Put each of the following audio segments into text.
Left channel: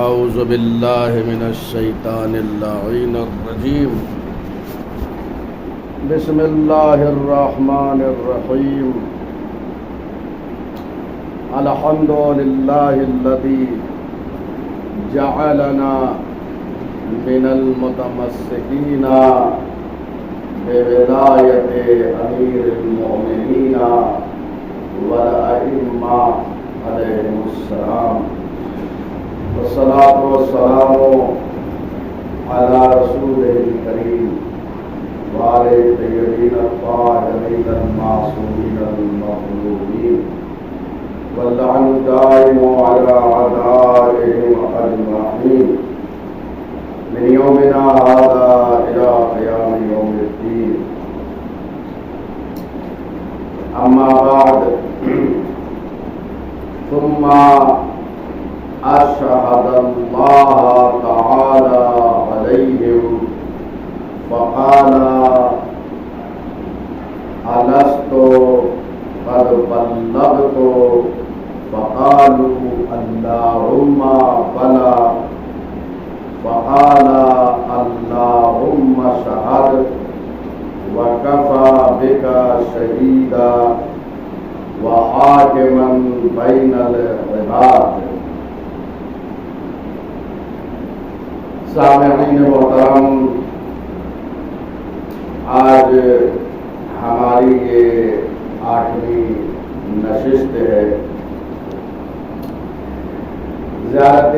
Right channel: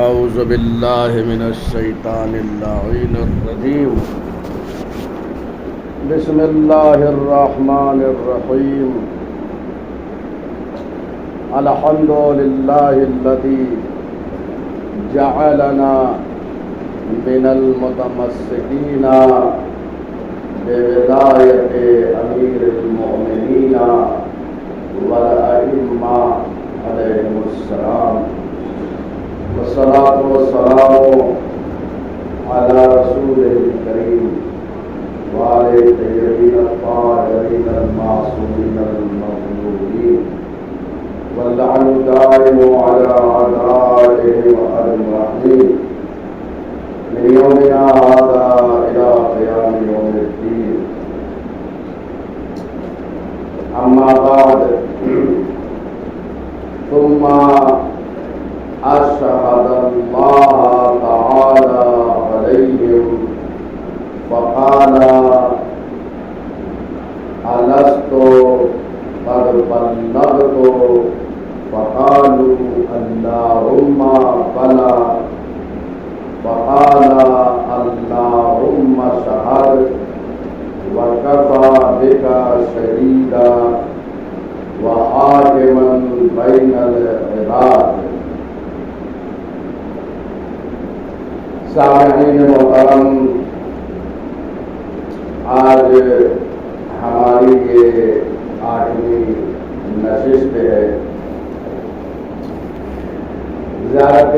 اعوذ باللہ من الشیطان اللعین الرجیم بسم اللہ الرحمن الرحیم الحمد للہ الذی جعلنا من المتمسکین بولایت امیر المؤمنین والائمہ علیہم السلام والصلاة والسلام على رسوله الكريم وعلى الطيبين الطاهرين المعصومين المظلومين واللعن الدائم على أعدائهم أجمعين من يومنا هذا إلى قيام يوم الدين. أما بعد ثم أشهد الله تعالى عليهم فقال ألست قد بلغت فقالوا اللهم بلى فقال اللهم اشهد وكفى بك شهيدا وحاكما بين العباد. سامعین محترم، آج ہماری یہ 8ویں نشست ہے. زیارت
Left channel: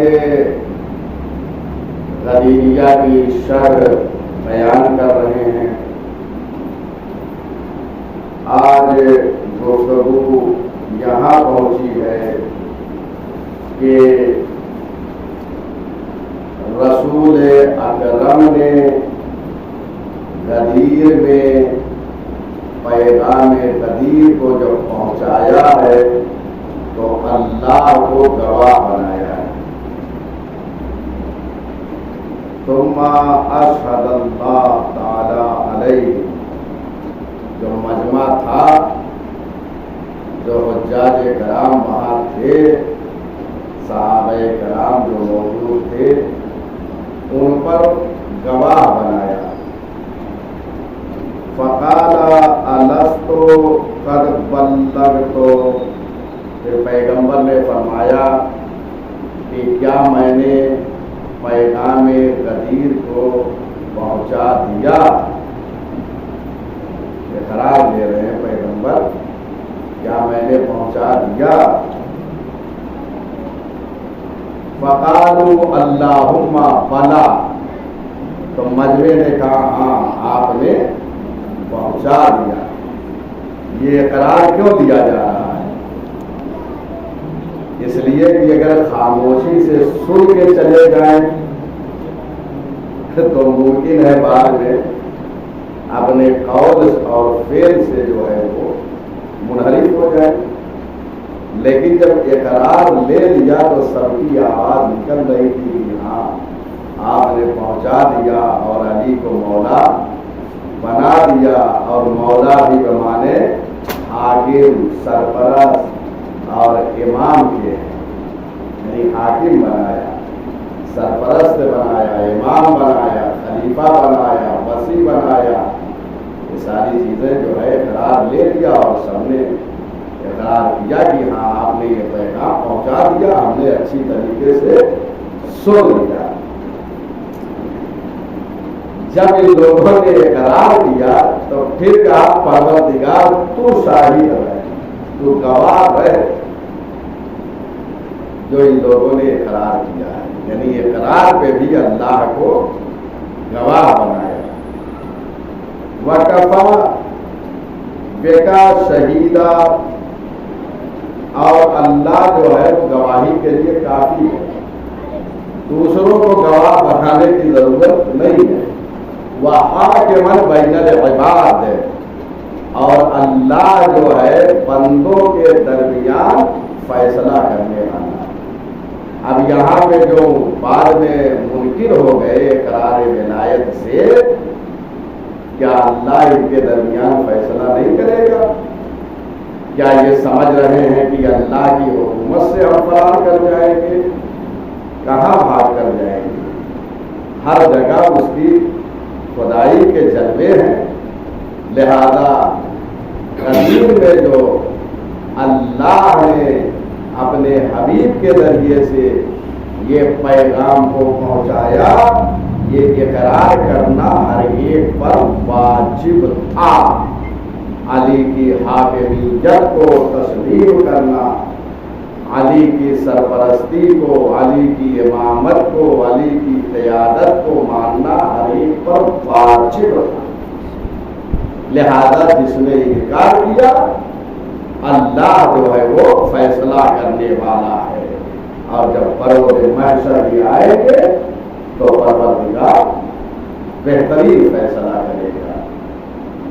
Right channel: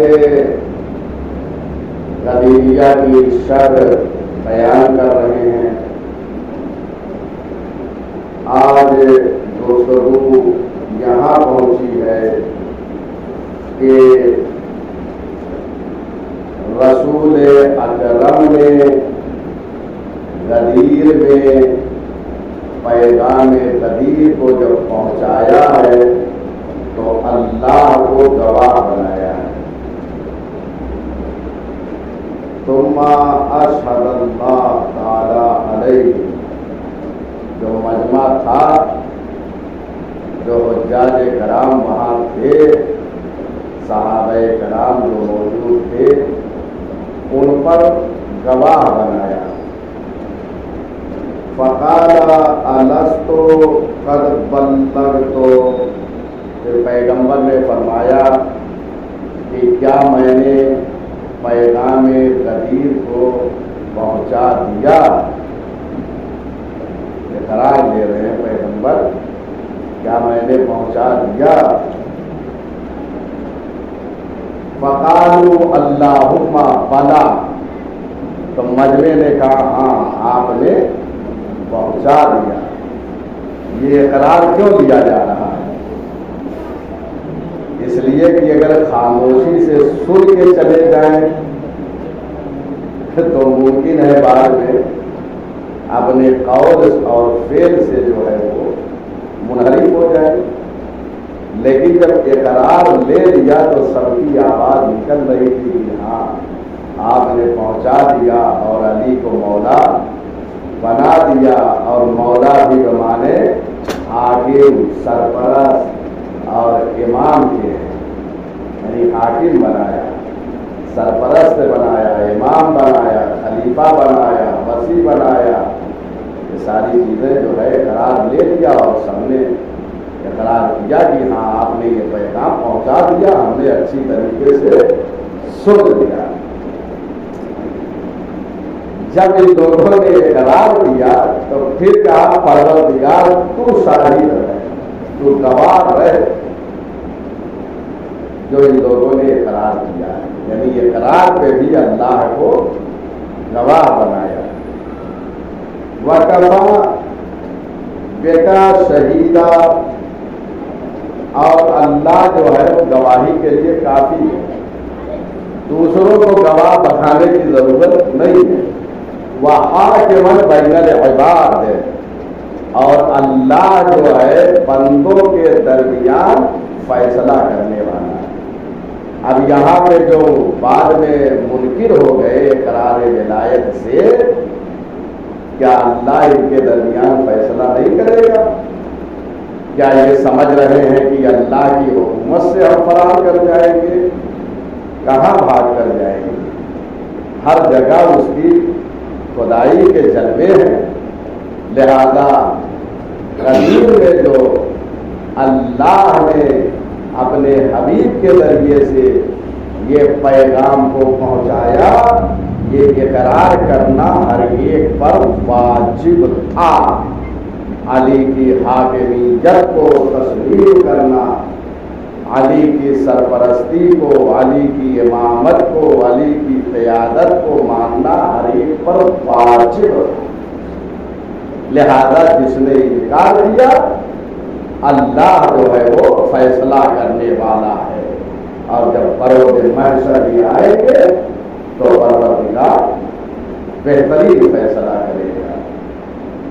غدیریہ کی شرح بیان کر رہے ہیں. آج گفتگو یہاں پہنچی ہے کہ رسول اکرم نے غدیر میں پیغام غدیر کو جب پہنچایا ہے تو اللہ کو گواہ بنایا ہے. ثم اشہد اللہ تعالی علیہ. جو مجمع تھا، جو حجاج کرام وہاں تھے، صحابہ کرام جو موجود تھے، ان پر گواہ بنایا. فقال الست قد بلغت. پھر پیغمبر نے فرمایا کہ کیا میں نے پیغام غدیر کو پہنچا دیا؟ اقرار دے رہے ہیں پیغمبر، کیا میں نے پہنچا دیا؟ فقالوا اللہم بلا. تو مجمع نے کہا ہاں آپ نے پہنچا دیا. یہ اقرار کیوں دیا جا رہا ہے؟ اس لیے کہ اگر خاموشی سے سن کے چلے جائیں تو ممکن ہے بعد میں اپنے قول اور فعل سے جو ہے وہ منحرف ہو جائے. لیکن جب اقرار لے لیا تو سب کی آواز نکل رہی تھی کہ ہاں آپ نے پہنچا دیا اور علی کو مولا بنا دیا. اور مولا بھی بمانے حاکم، سرپرست اور امام کے، یعنی حاکم بنایا، سرپرست بنایا، امام بنایا، خلیفہ بنایا، وصی بنایا. یہ ساری چیزیں جو ہے اقرار لے لیا اور سب نے اقرار کیا کہ ہاں آپ نے یہ پیغام پہنچا دیا، ہم نے اچھی طریقے سے سن لیا. جب ان لوگوں نے اقرار کیا تو پھر کہا پروردگار تو شاہد رہے، تو گواہ رہے جو ان لوگوں نے اقرار کیا ہے. یعنی اقرار پہ بھی اللہ کو گواہ بنایا. وَكَفَى بِكَ شَهِيدًا. اور اللہ جو ہے وہ گواہی کے لیے کافی ہے، دوسروں کو گواہ بنانے کی ضرورت نہیں ہے. وَحَاكِمًا بَيْنَ الْعِبَادِ. اور اللہ جو ہے بندوں کے درمیان فیصلہ کرنے والا. اب یہاں پہ جو بعد میں منکر ہو گئے اقرار ولایت سے، کیا اللہ ان کے درمیان فیصلہ نہیں کرے گا؟ کیا یہ سمجھ رہے ہیں کہ اللہ کی حکومت سے ہم فرار کر جائیں گے؟ کہاں بھاگ کر جائے گی؟ ہر جگہ اس کی خدائی کے جلوے ہیں. لہذا قدیم میں جو اللہ نے اپنے حبیب کے ذریعے سے یہ پیغام کو پہنچایا، یہ اقرار کرنا ہر ایک پر واجب تھا. علی کی حاکمیت کو تسلیم کرنا، علی کی سرپرستی کو، علی کی امامت کو، علی کی قیادت کو ماننا ہر ایک پر واجب تھا. لہذا جس نے انکار کیا، اللہ جو ہے وہ فیصلہ کرنے والا ہے، اور جب پروز محشر بھی آئیں گے تو پروردگار بہترین فیصلہ کرے گا.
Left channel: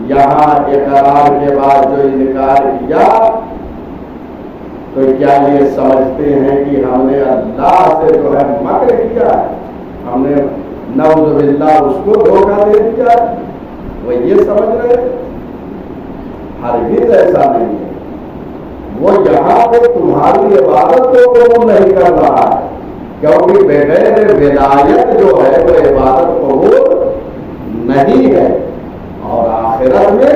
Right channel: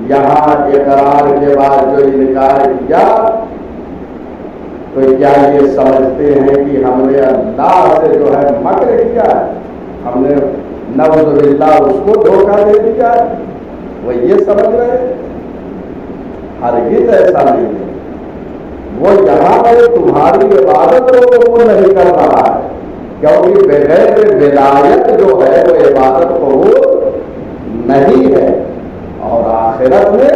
یہاں اقرار کے بعد جو انکار کیا، تو کیا یہ سمجھتے ہیں کہ ہم نے اللہ سے جو ہے مکر کیا ہے، ہم نے نعوذ باللہ اس کو دھوکہ دے دیا ہے؟ وہ یہ سمجھ رہے ہیں؟ ہرگز ایسا نہیں ہے. وہ یہاں پہ تمہاری عبادت کو قبول نہیں کر رہا ہے، کیونکہ بغیر ولایت جو ہے وہ عبادت قبول نہیں ہے، اور آخرت میں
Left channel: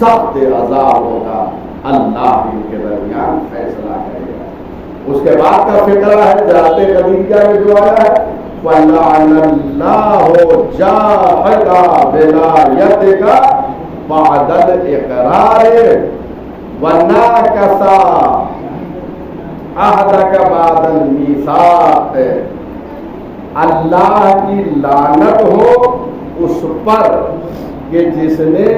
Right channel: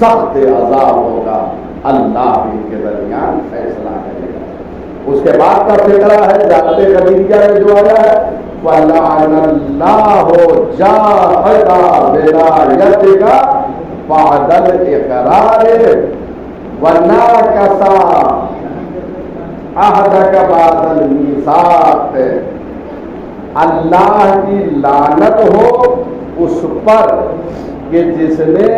سخت عذاب ہوگا. اللہ ان کے درمیان فیصلہ کرے گا. اس کے بعد کا فقرہ ہے جاتے خدیجہ میں جو آیا ہے، وَلَعَنَ اللَّهُ جَاهَدَ بِوَلَایَتِكَ بَعْدَ الْإِقْرَارِ وَنَاكَثَ عَهْدَكَ بَعْدَ الْمِيثَاقِ. اللہ کی لعنت ہو اس پر کہ جس نے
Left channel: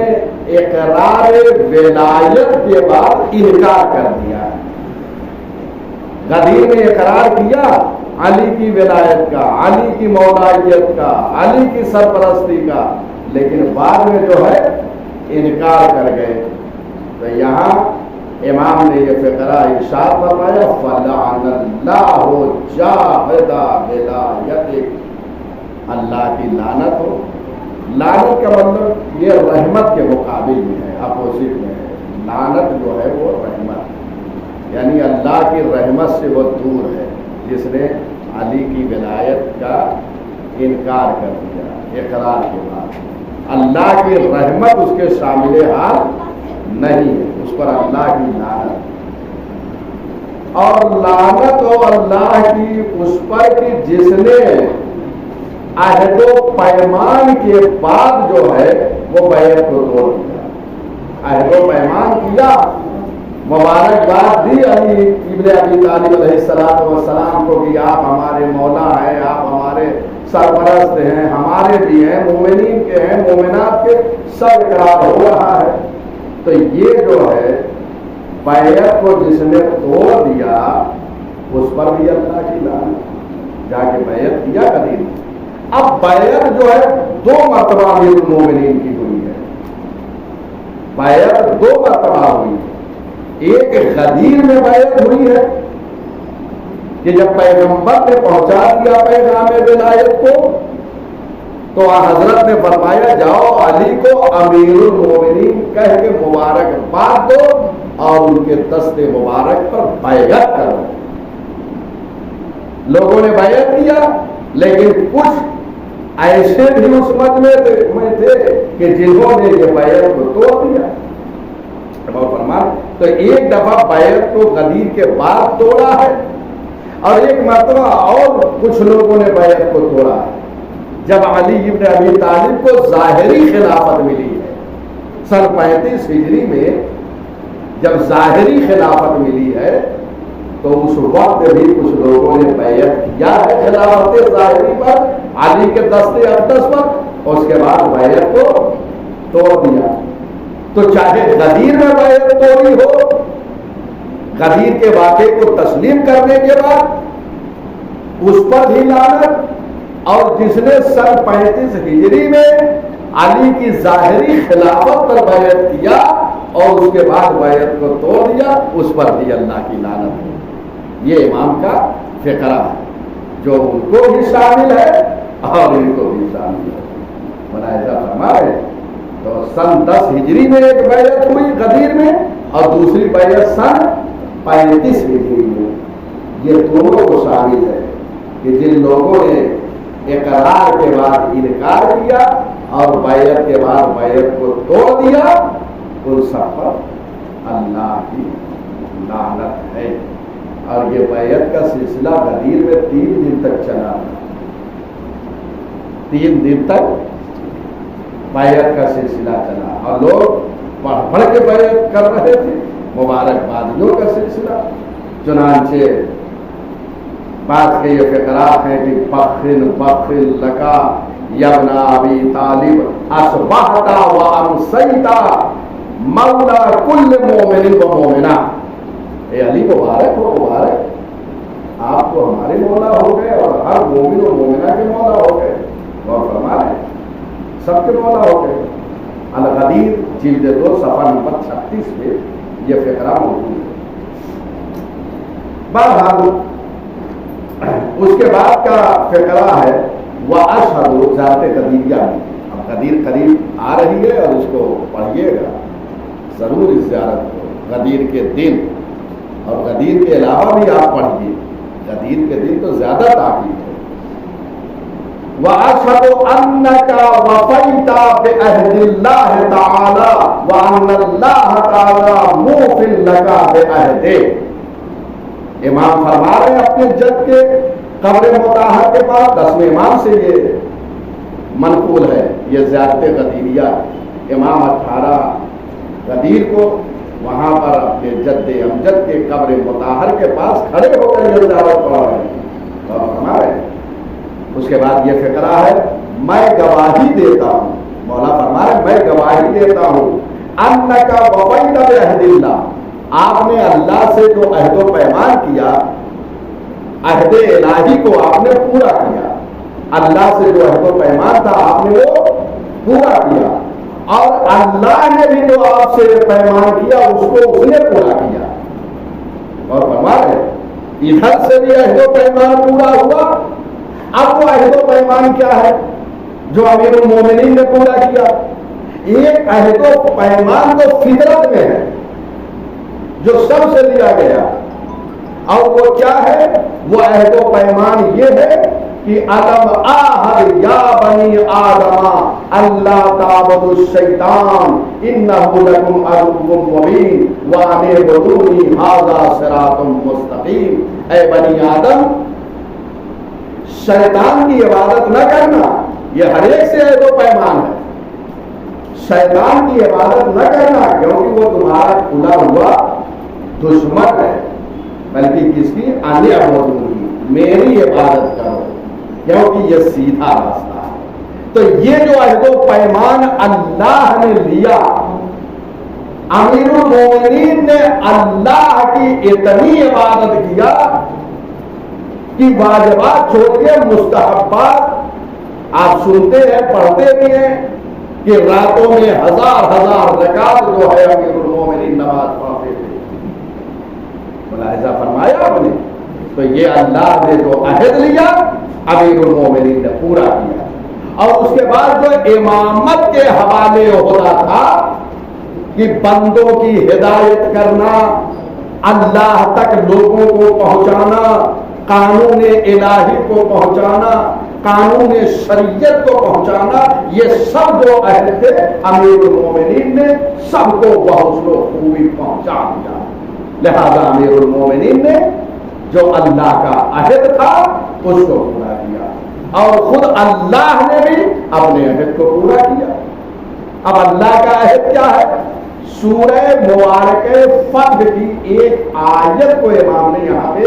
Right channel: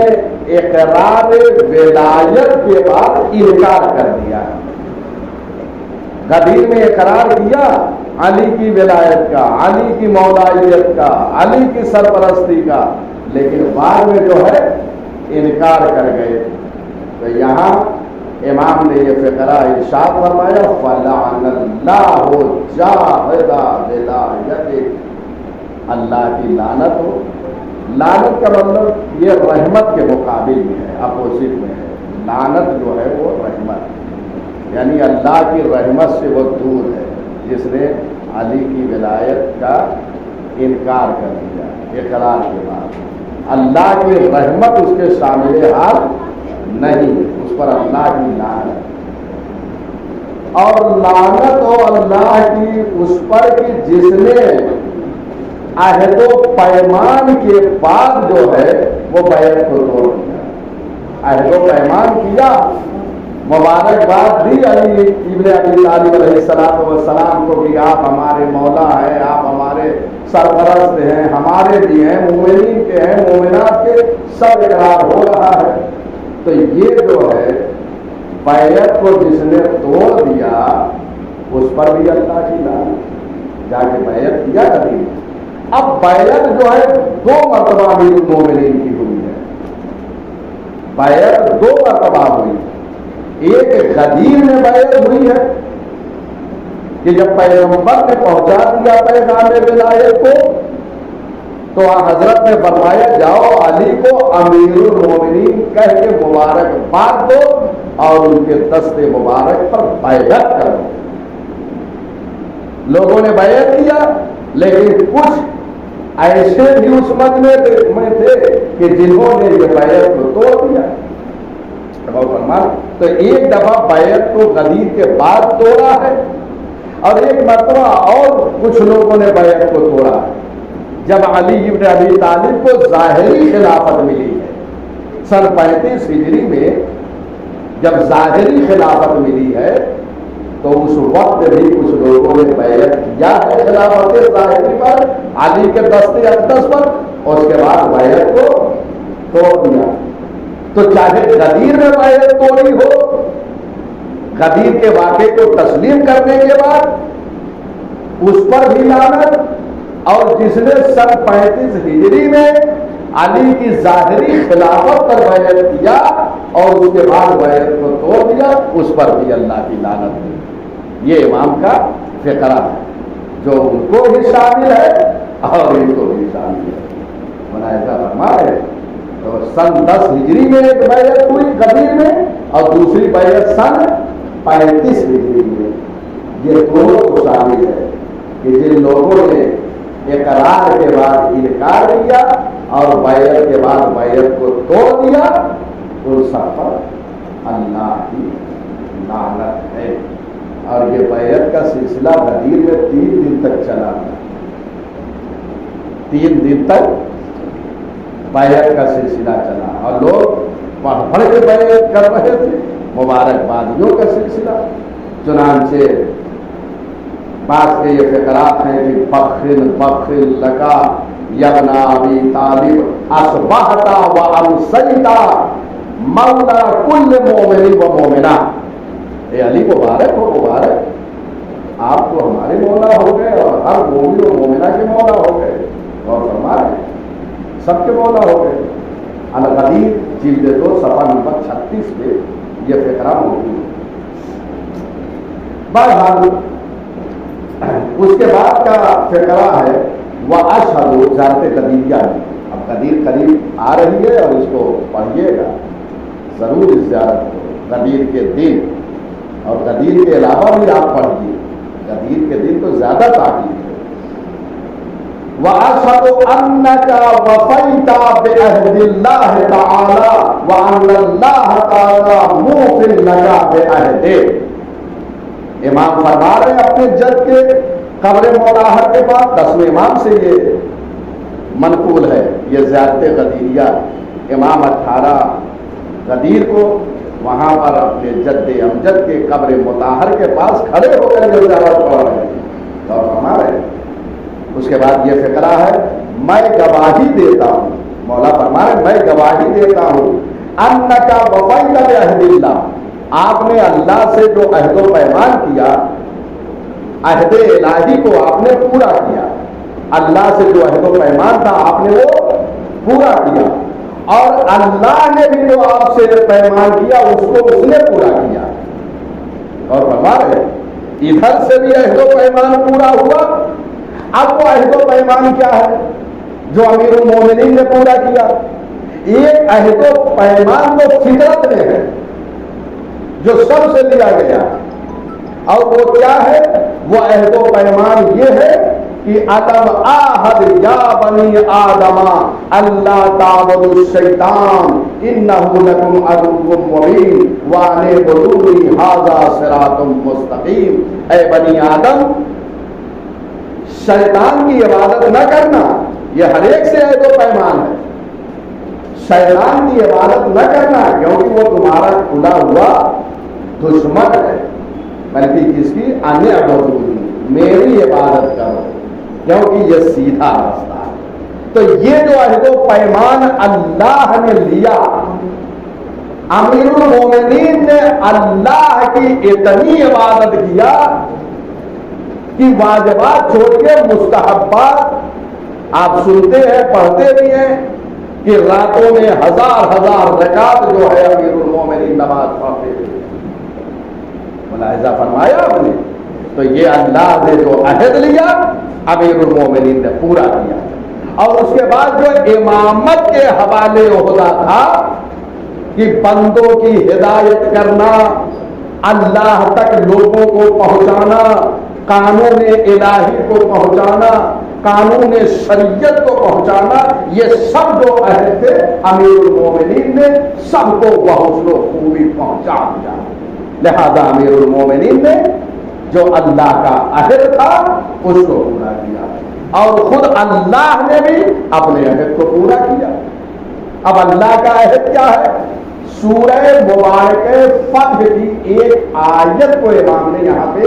اقرار ولایت کے بعد انکار کر دیا. غدیر نے اقرار کیا علی کی ولایت کا، علی کی مولائیت کا، علی کی سرپرستی کا، لیکن بعد میں جو ہے انکار کر گئے. تو یہاں امام نے یہ فقرہ ارشاد فرمایا، فَلَعَنَ اللَّهُ جَاهَدَ بِوَلَایَتِكَ. اللہ کی لعنت ہو. لعنت کا مطلب یہ رحمت کے مقابل میں ہے، اپوزٹ میں ہے. لعنت جو ہے وہ رحمت، یعنی اللہ کی رحمت سے وہ دور ہے جس نے علی کی ولایت کا انکار کر دیا اقرار کے بعد. اللہ کی رحمت اس کے شامل حال نہیں ہے، اس پر اللہ کی لعنت. اور لعنت ہو اللہ کی اس پر کہ جس نے عہد و پیمان کے بعد جو ہے وہ بیعت کو توڑ دیا. عہد و پیمان کیا، مبارکباد دی علی ابن ابی طالب علیہ السلام کو کہ آپ ہمارے مولا ہیں، آپ ہمارے سرپرست ہیں، ہمارے بھی ہیں، مومنین کے ہیں، مومنات کے، سب اقرار ہو رہا ہے. تو یہ جو ہے بیعت کو جس نے توڑ دیا اس پر بھی اللہ کی لعنت. جا کے بیعت کیا کریں. اب بیعت جو ہے دو مرتبہ امیر المومنین کی ہوئی ہے. بیعت دو مرتبہ ہوئی. ایک غدیر میں بیعت ہوئی ہے کہ جب پیغمبر نے پہنچا دیا پیغام ولایت کو تو حضرت نے فرمایا جاؤ علی کو امیر المومنین کہہ کے مبارکباد دو اور ان کے دست مبارک پر بیعت کرو. لوگوں نے بیعت کیا، لیکن کچھ ایسے بھی اس مت میں تھے کہ جنہوں نے یہ بیعت کو توڑ دیا. تو ایک دفعہ بیعت کو غدیر کے بعد توڑا ہے، اور ایک مرتبہ اور کچھ لوگوں نے بیعت کو توڑا ہے جب علی ابن ابی طالب کو ظاہری خلافت ملی ہے. سن 35 ہجری میں جب ظاہری خلافت ملی ہے تو اس وقت بھی کچھ لوگوں نے بیعت کیا ہے خلافت ظاہری پر، علی کے دست اقدس پر، اور اس کے بعد بیعت کو توڑ دیا. تو چاہے غدیر میں بیعت توڑی ہو، غدیر کے واقعے کو تسلیم کرنے کے بعد اس پر بھی لعنت، اور جس نے سن 35 ہجری میں علی کی ظاہری خلافت پر بیعت کیا اور اس کے بعد بیعت کو توڑ دیا، اس پر بھی اللہ کی لعنت ہوئی. یہ امام کا فقرہ ہے جو ان کو بھی شامل ہے اور ان کو بھی شامل ہے. منازع فرمائے تو سن 10 ہجری میں ایک بیعت ہوئی غدیر میں، اور دوسری بیعت سن 35 ہجری میں. یہ دونوں کو شامل ہے. کہ جن لوگوں نے اقرار کے بعد انکار کیا اور بیعت کے بعد بیعت کو توڑ دیا ان سب پر اللہ کی لعنت ہے۔ اور یہ بیعت کا سلسلہ غدیر میں 3 دن تک چلا، 3 دن تک بیعت کا سلسلہ چلا اور لوگ پڑھ پڑھ کے بیعت کر رہے تھے، مبارکبادیوں کا سلسلہ۔ چنانچہ بعض کے یہ فقرات ہیں کہ فخر فخر لکا یبن ابی طالب اصبحت و امسیت مولا کل مومن و مومنہ۔ اے علی مبارک ہو، مبارک، آپ تو ہمارے مولا ہو گئے اور ہر مومن و مومنہ کے مولا ہو گئے، اور فرما رہے ہیں سب کے مولا ہو گئے۔ الغدیر جلد 2 صفحہ نمبر 36 پہ یہ فقرہ موجود ہے۔ بہرحال اس کے بعد کا فقرہ ہے وَأَشْهَدُ ذات قدیریہ میں۔ اب قدیر قریب آ رہی ہے اور اس کو پڑھیے گا ضرور، اس زیارت کو غدیر کے دن، اور غدیر کے علاوہ بھی آپ پڑھیے، غدیر کے دن تو زیادہ تاکید ہے۔ وَأَشْهَدُ أَنَّكَ وَفَيْتَ بِعَهْدِ اللَّهِ تَعَالَى وَأَنَّ اللَّهَ تَعَالَى مُوفٍ لَكَ بِعَهْدِهِ۔ امام فرما رہے ہیں اپنے جد کے قبر مطہر کے بعد، 10ویں امام سے یہ منقول ہے، یہ زیارت غدیریہ۔ امام 18 غدیر کو وہاں پر اپنے جد امجد کے قبر مطہر کے پاس کھڑے ہو کر یہ زیارت پڑھا رہے ہیں اور فرما رہے ہیں۔ اس کے بعد یہ فقرہ ہے میں گواہی دیتا ہوں، مولا فرما رہے ہیں میں گواہی دیتا ہوں انک وفیت بعہد اللہ، آپ نے اللہ سے جو عہد و پیمان کیا، عہد الہی کو آپ نے پورا کیا، اللہ سے جو عہد و پیمان تھا آپ نے وہ پورا کیا، اور اللہ نے بھی جو آپ سے پیمان کیا اس کو اس نے پورا کیا۔ اور فرما رہے ادھر سے بھی عہد و پیمان پورا ہوا۔ اب وہ عہد و پیمان کیا ہے جو امیر المومنین نے پورا کیا؟ ایک عہد و پیمان تو فطرت میں ہے جو سب سے لیا گیا، اور وہ کیا ہے؟ وہ عہد و پیمان یہ ہے کہ الم آہد یا بنی آدم اللہ تعبدوا الشیطان انہ لکم عدو مبین وان اعبدونی ھذا صراط مستقیم۔ اے بنی آدم، شیطان کی عبادت نہ کرنا، یہ ہر ایک سے عہد و پیمان ہے۔ شیطان کی عبادت نہ کرنا کیونکہ وہ تمہارا کھلا ہوا دشمن ہے، بلکہ کس کی؟ ان اعبدونی، میری عبادت کرو، کیونکہ یہ سیدھا راستہ ہے۔ تو یہ جو عہد و پیمان اللہ نے لیا، امیر المومنین نے اللہ کی اتنی عبادت کیا کہ واجبات چھوڑ کے مستحبات آپ سنتے ہیں، پڑھتے بھی ہیں کہ راتوں میں 1000 رکعت جو ہے امیر المومنین نماز پڑھتے تھے، ملاحظہ فرمایا آپ نے؟ تو یہ اللہ نے جو عہد لیا امیر المومنین نے پورا کیا۔ اور اس کے بعد جو امامت کے حوالے عہدہ تھا کہ بندوں کی ہدایت کرنا، اللہ تک لوگوں کو پہنچانا، قانون الہی کو پہنچانا، قانون شریعت کو پہنچانا، یہ سب جو عہد تھے امیر المومنین نے سب کو بحوصل و خوبی پہنچا دیا۔ لہذا امیر المومنین نے جو اللہ کا عہد تھا اس کو پورا کیا، اور خود اللہ نے بھی اپنے عہد کو پورا کیا۔ اب اللہ کا عہد کیا ہے؟ سورہ مبارکہ فتح کی ایک آیت کو امام نے یہاں پہ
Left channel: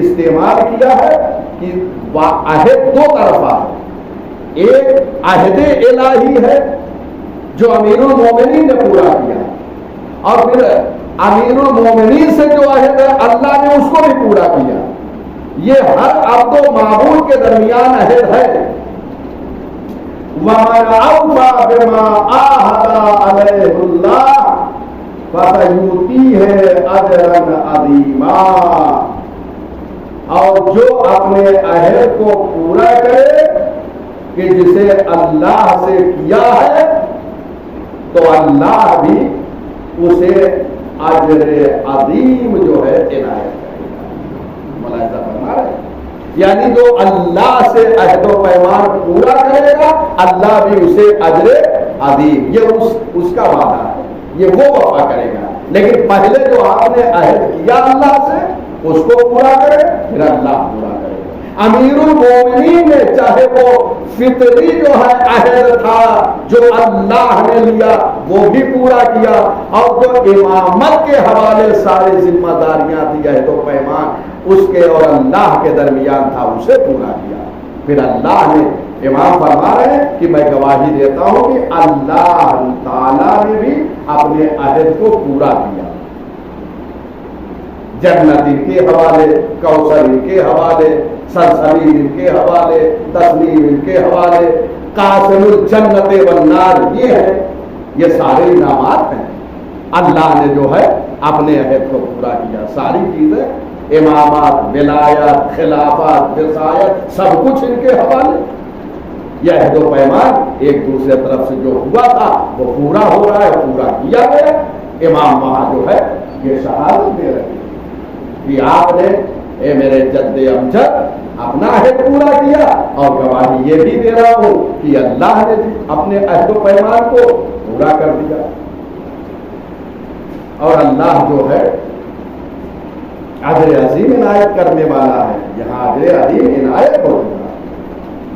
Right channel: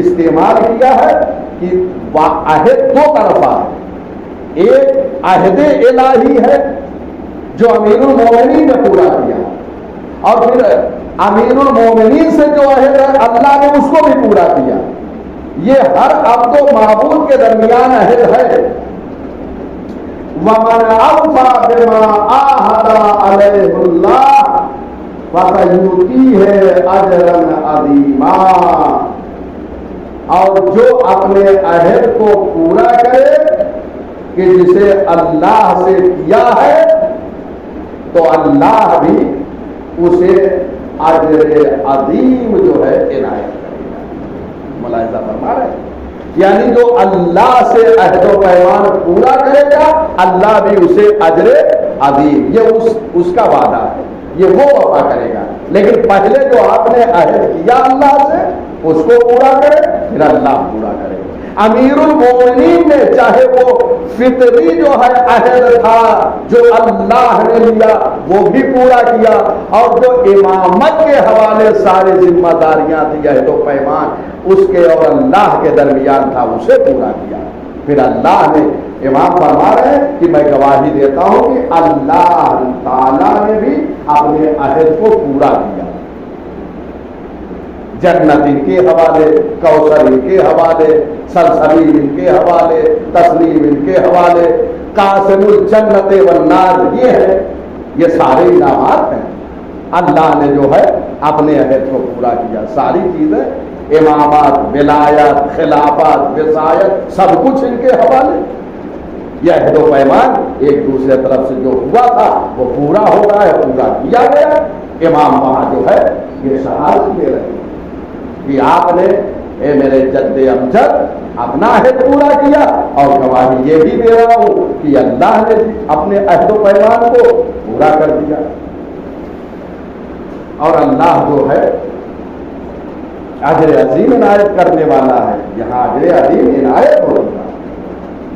استعمال کیا ہے کہ عہد 2 طرفہ ہے، ایک عہد الہی ہے جو امیر المومنین نے پورا کیا، اور پھر امیر المومنین سے جو عہد ہے اللہ نے اس کو بھی پورا کیا۔ یہ ہر عبد و معبود کے درمیان عہد ہے۔ وَمَنْ أَوْفَى بِمَا عَاهَدَ عَلَيْهِ اللَّهُ فَسَيُؤْتِيهِ أَجْرًا عَظِيمًا، اور جو اپنے عہد کو پورا کرے کہ جسے اللہ سے کیا ہے تو اللہ بھی اسے اجر عظیم جو ہے عنایت کرے گا۔ ملاحظہ فرما رہے ہیں یعنی جو اللہ سے عہد و پیمان پورا کرے گا اللہ بھی اسے اجر عظیم، یہ اس کا وعدہ ہے، یہ وہ وفا کرے گا۔ لیکن پہلے جو آپ نے عہد کیا اللہ سے اس کو پورا کرے، پھر اللہ پورا کرے گا۔ امیر المومنین نے چاہے وہ فطری جو ہے عہد تھا جو اللہ نے لیا وہ بھی پورا کیا، اور جو امامت کے حوالے ساری ذمہ داریاں تھی عہد و پیمان اس کے اور اللہ کے درمیان تھا اسے پورا کیا۔ پھر اللہ نے امام فرما رہے ہیں کہ میں گواہی دیتا ہوں کہ اللہ تعالیٰ نے بھی اپنے عہد کو پورا کیا۔ جنت ان کے حوالے، کوثر ان کے حوالے، سلسبیل ان کے حوالے، تسلیم ان کے حوالے، قاسم الجنت والنار یہ ہے، یہ سارے انعامات ہیں۔ اللہ نے جو ہے اپنے عہد کو پورا کیا، ساری چیزیں امامات، ولایت، خلافت، وصایت سب کچھ ان کے حوالے۔ یہ عہد و پیمان ایک دوسرے طرف سے جو ہوا تھا وہ پورا ہو رہا ہے، پورا کیا گیا۔ امام وہاں جو ہے یہ شہادت دے رہے ہیں کہ آپ نے اے میرے جد امجد اپنا عہد پورا کیا، اور گواہی یہ بھی دے رہا ہوں کہ اللہ نے اپنے عہد و پیمان کو پورا کر دیا۔ اور اللہ جو ہے اجر عظیم عنایت کرنے والا ہے، یہاں اجر عظیم عنایت ہوگا۔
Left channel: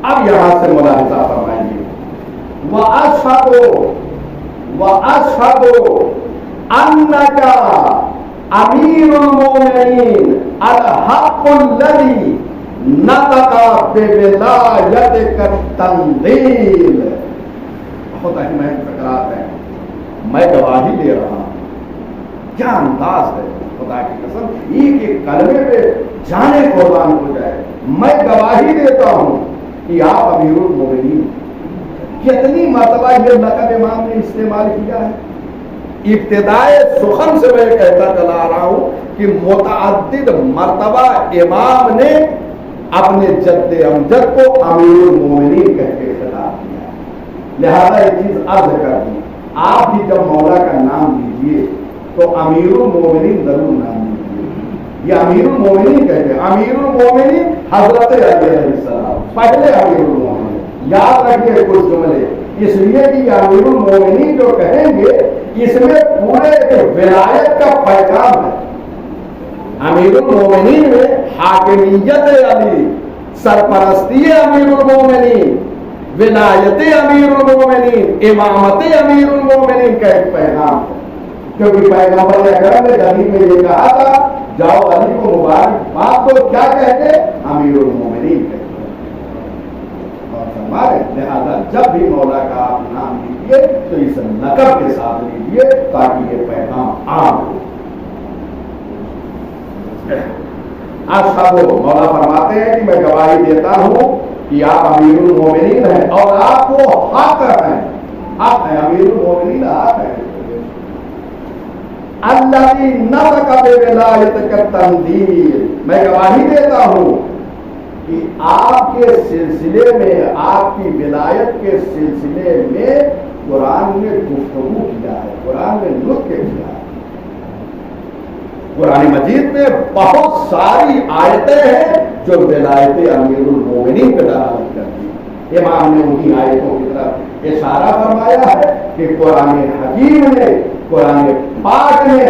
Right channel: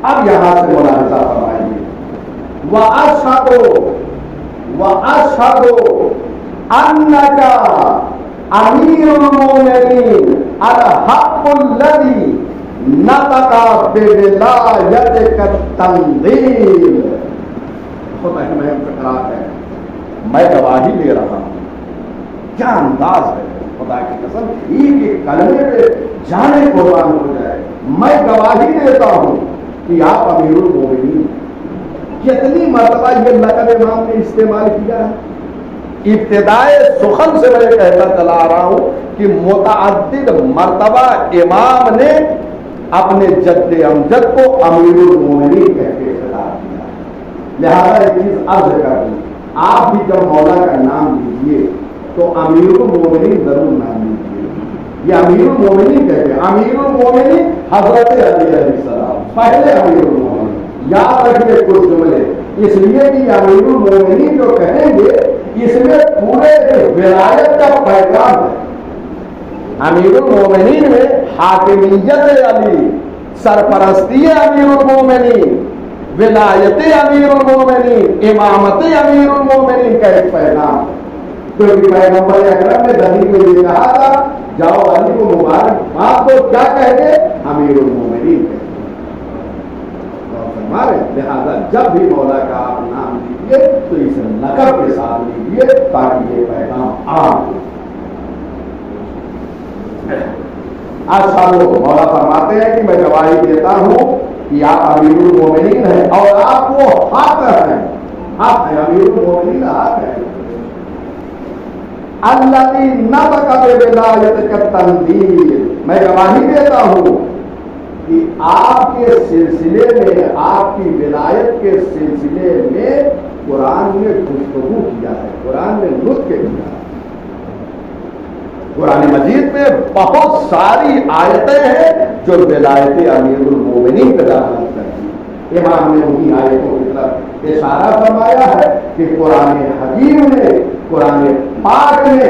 اب یہاں سے ملاحظہ فرمائیے، وَأَشْهَدُ أَنَّكَ امیر المومنین الحق الذی نطق بولایتک التنزیل۔ میں گواہی دے رہا ہوں، کیا انداز ہے خدا کی قسم، ایک ایک کلمے پہ جانے قربان ہو جائے۔ میں گواہی دیتا ہوں کہ آپ امیر المومنین۔ کتنی مرتبہ یہ لقب امام نے استعمال کیا ہے؟ ابتدائے سخن سے میں کہتا چلا رہا ہوں کہ متعدد مرتبہ امام نے اپنے جد امجد کو امیر المومنین کہہ کے خطاب کیا۔ لہذا ایک چیز عرض کر دوں، آپ بھی جب مولا کا نام لیجیے تو امیر المومنین ضرور نام لیجیے۔ یہ امیر المومنین کہتے ہیں، امیر المومنین حضرت علی علیہ السلام پہلے امیر المومنین۔ یاد رکھیے کچھ جملے، اس لیے کہ امیر المومنین جو کہیں گے اس میں پورے ولایت کا پیغام ہے۔ امیر المومنین میں حاکمیت علی، سرپرستی امیر المومنین، ولایت امیر المومنین، امامت امیر المومنین کا ایک پیغام ہے۔ کیونکہ پیغمبر اکرم نے حدیث میں یہ کہا تھا، جاؤ علی کو مبارکباد دو، کیا کہتے؟ امیر المومنین کہتے۔ لہذا جب بھی مولا کا آپ نام لیجیے تو اس لقب کے ساتھ لیجیے تاکہ یہ پیغام عام ہو۔ مولا فرماتے ہیں کہ میں گواہی دیتا ہوں کہ آپ امیر المومنین ہیں اور آپ وہ حق ہیں، حق ہیں، امیر المومنین حق ہیں۔ اللہ کی نطق بولایتک التنزیل، میں گواہی دیتا ہوں کہ آپ کے سلسلے میں، آپ کی ولایت کے سلسلے میں قرآن نے گفتگو کیا ہے، قرآن نے نطق کیا ہے۔ قرآن مجید میں بہت ساری آیتیں ہیں جو ولایت امیر المومنین پہ دلالت کرتی ہیں۔ امام نے انہی آیتوں کی طرف اشارہ فرمایا ہے کہ قرآن حکیم نے، قرآن پاک نے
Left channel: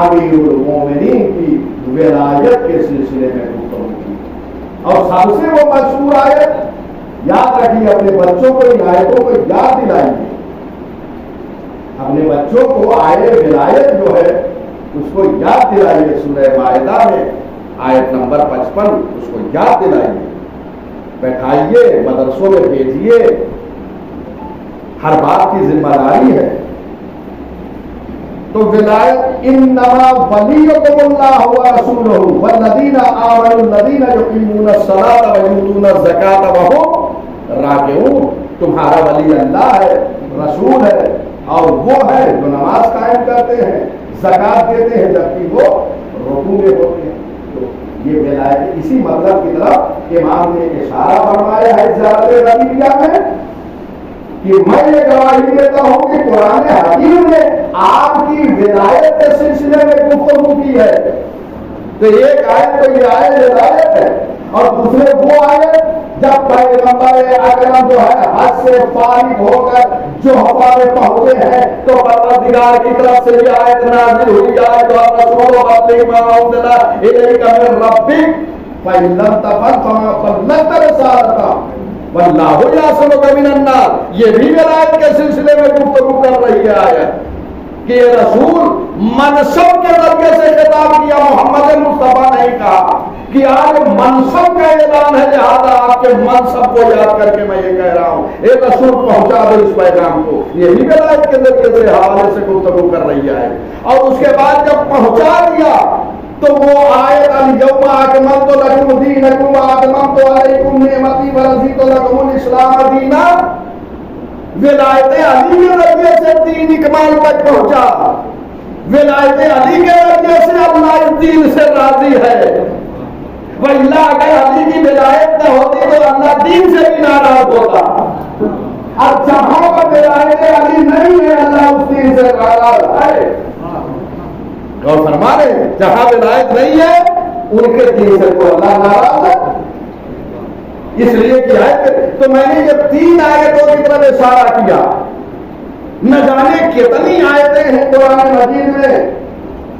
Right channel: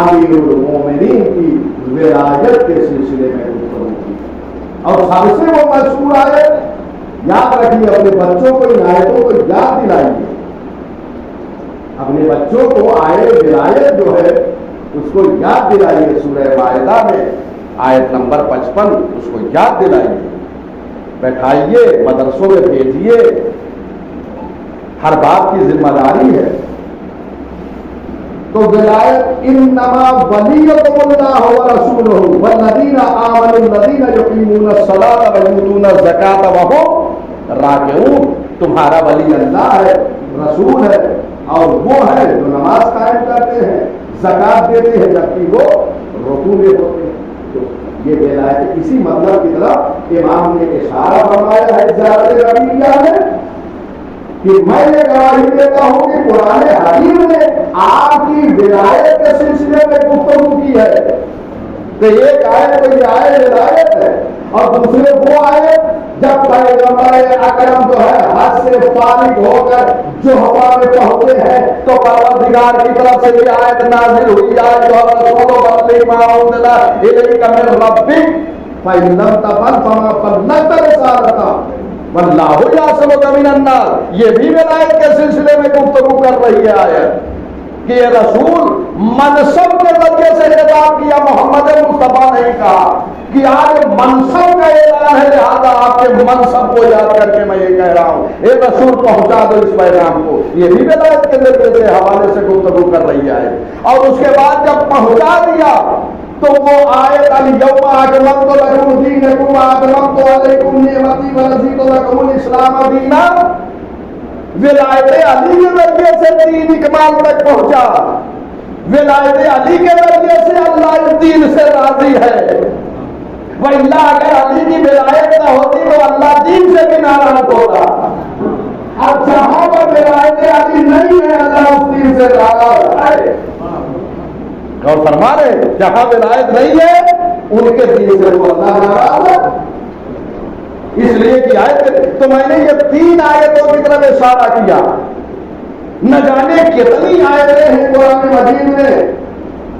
امیر المومنین کی ولایت کے سلسلے میں گفتگو کی۔ اور سب سے وہ مشہور آیت یاد رکھیے، اپنے بچوں کو ان آیتوں کو یاد دلائیے، اپنے بچوں کو آیت ولایت جو ہے اس کو یاد دلائیے۔ سورہ مائدہ میں آیت نمبر 55 اس کو یاد دلائیے، بیٹھائیے، مدرسوں میں بھیجیے، ہر بات کی ذمہ داری ہے۔ تو ولایت انما ولیکم اللہ ورسولہ والذین آمنوا الذین یقیمون الصلاۃ ویؤتون الزکاۃ وہم راکعون۔ تمہارا ولی اللہ ہے، رسول ہے، اور وہ ہے جو نماز قائم کرتے ہیں، زکات دیتے ہیں جبکہ وہ رکوع میں ہوتے ہیں۔ یہ ولایت اسی مطلب کی طرف امام نے اشارہ فرمایا ہے زیادہ ربیہ میں کہ میں یہ گواہی دیتا ہوں کہ قرآن حکیم نے آپ کی ولایت کے سلسلے میں گفتگو کی ہے۔ تو ایک آیت تو یہ آیت ولایت ہے، اور دوسرے سے فارغ ہو کر جو ہوا میں پہنچے ہیں تو پروردگار کی طرف سے یہ آیت نازل ہوئی ہے جو رسول بلغ ما انزل الیک من ربک فإن لم تفعل فما بلغت رسالتہ واللہ یعصمک من الناس۔ یہ بھی ولایت کے سلسلے میں گفتگو کر رہی ہے آیت کہ یہ رسول منصب کے ذریعے سے خطاب کیا، محمد مصطفیٰ نے کہا کہ آج منصب کا اعلان ہے، لہذا آپ کے منصب کو یاد کر کے میں یہ کہہ رہا ہوں اے رسول پہنچا دو اس پیغام کو۔ یہ بھی ولایت کے ذریعے سے حوالے سے گفتگو کر رہی ہے۔ اور اس کے بعد جب پہنچا دیا تو وہ آیت الیوم اکملت لکم دینکم واتممت علیکم نعمتی ورضیت لکم الاسلام دینا، ولایت علی کے ذریعے سے دین اکمال تک پہنچا، ولایت علی کے ذریعے سے اللہ اس دین سے راضی ہے، وَإِلَّا اگر علی کی ولایت نہ ہوتی تو اللہ دین سے بھی ناراض ہوتا۔ اب جہاں پر ولایت علی نہیں ہے اللہ اس دین سے ناراض ہے۔ اور فرما رہے ہیں جہاں ولایت نہیں ہے ان کے دین سے وہ اللہ ناراض ہے۔ اس لیے کہ آیت تو میں نے یہ 3 آیتوں کی طرف اشارہ کیا، نہ جانے کتنی آیتیں ہیں قرآن مجید میں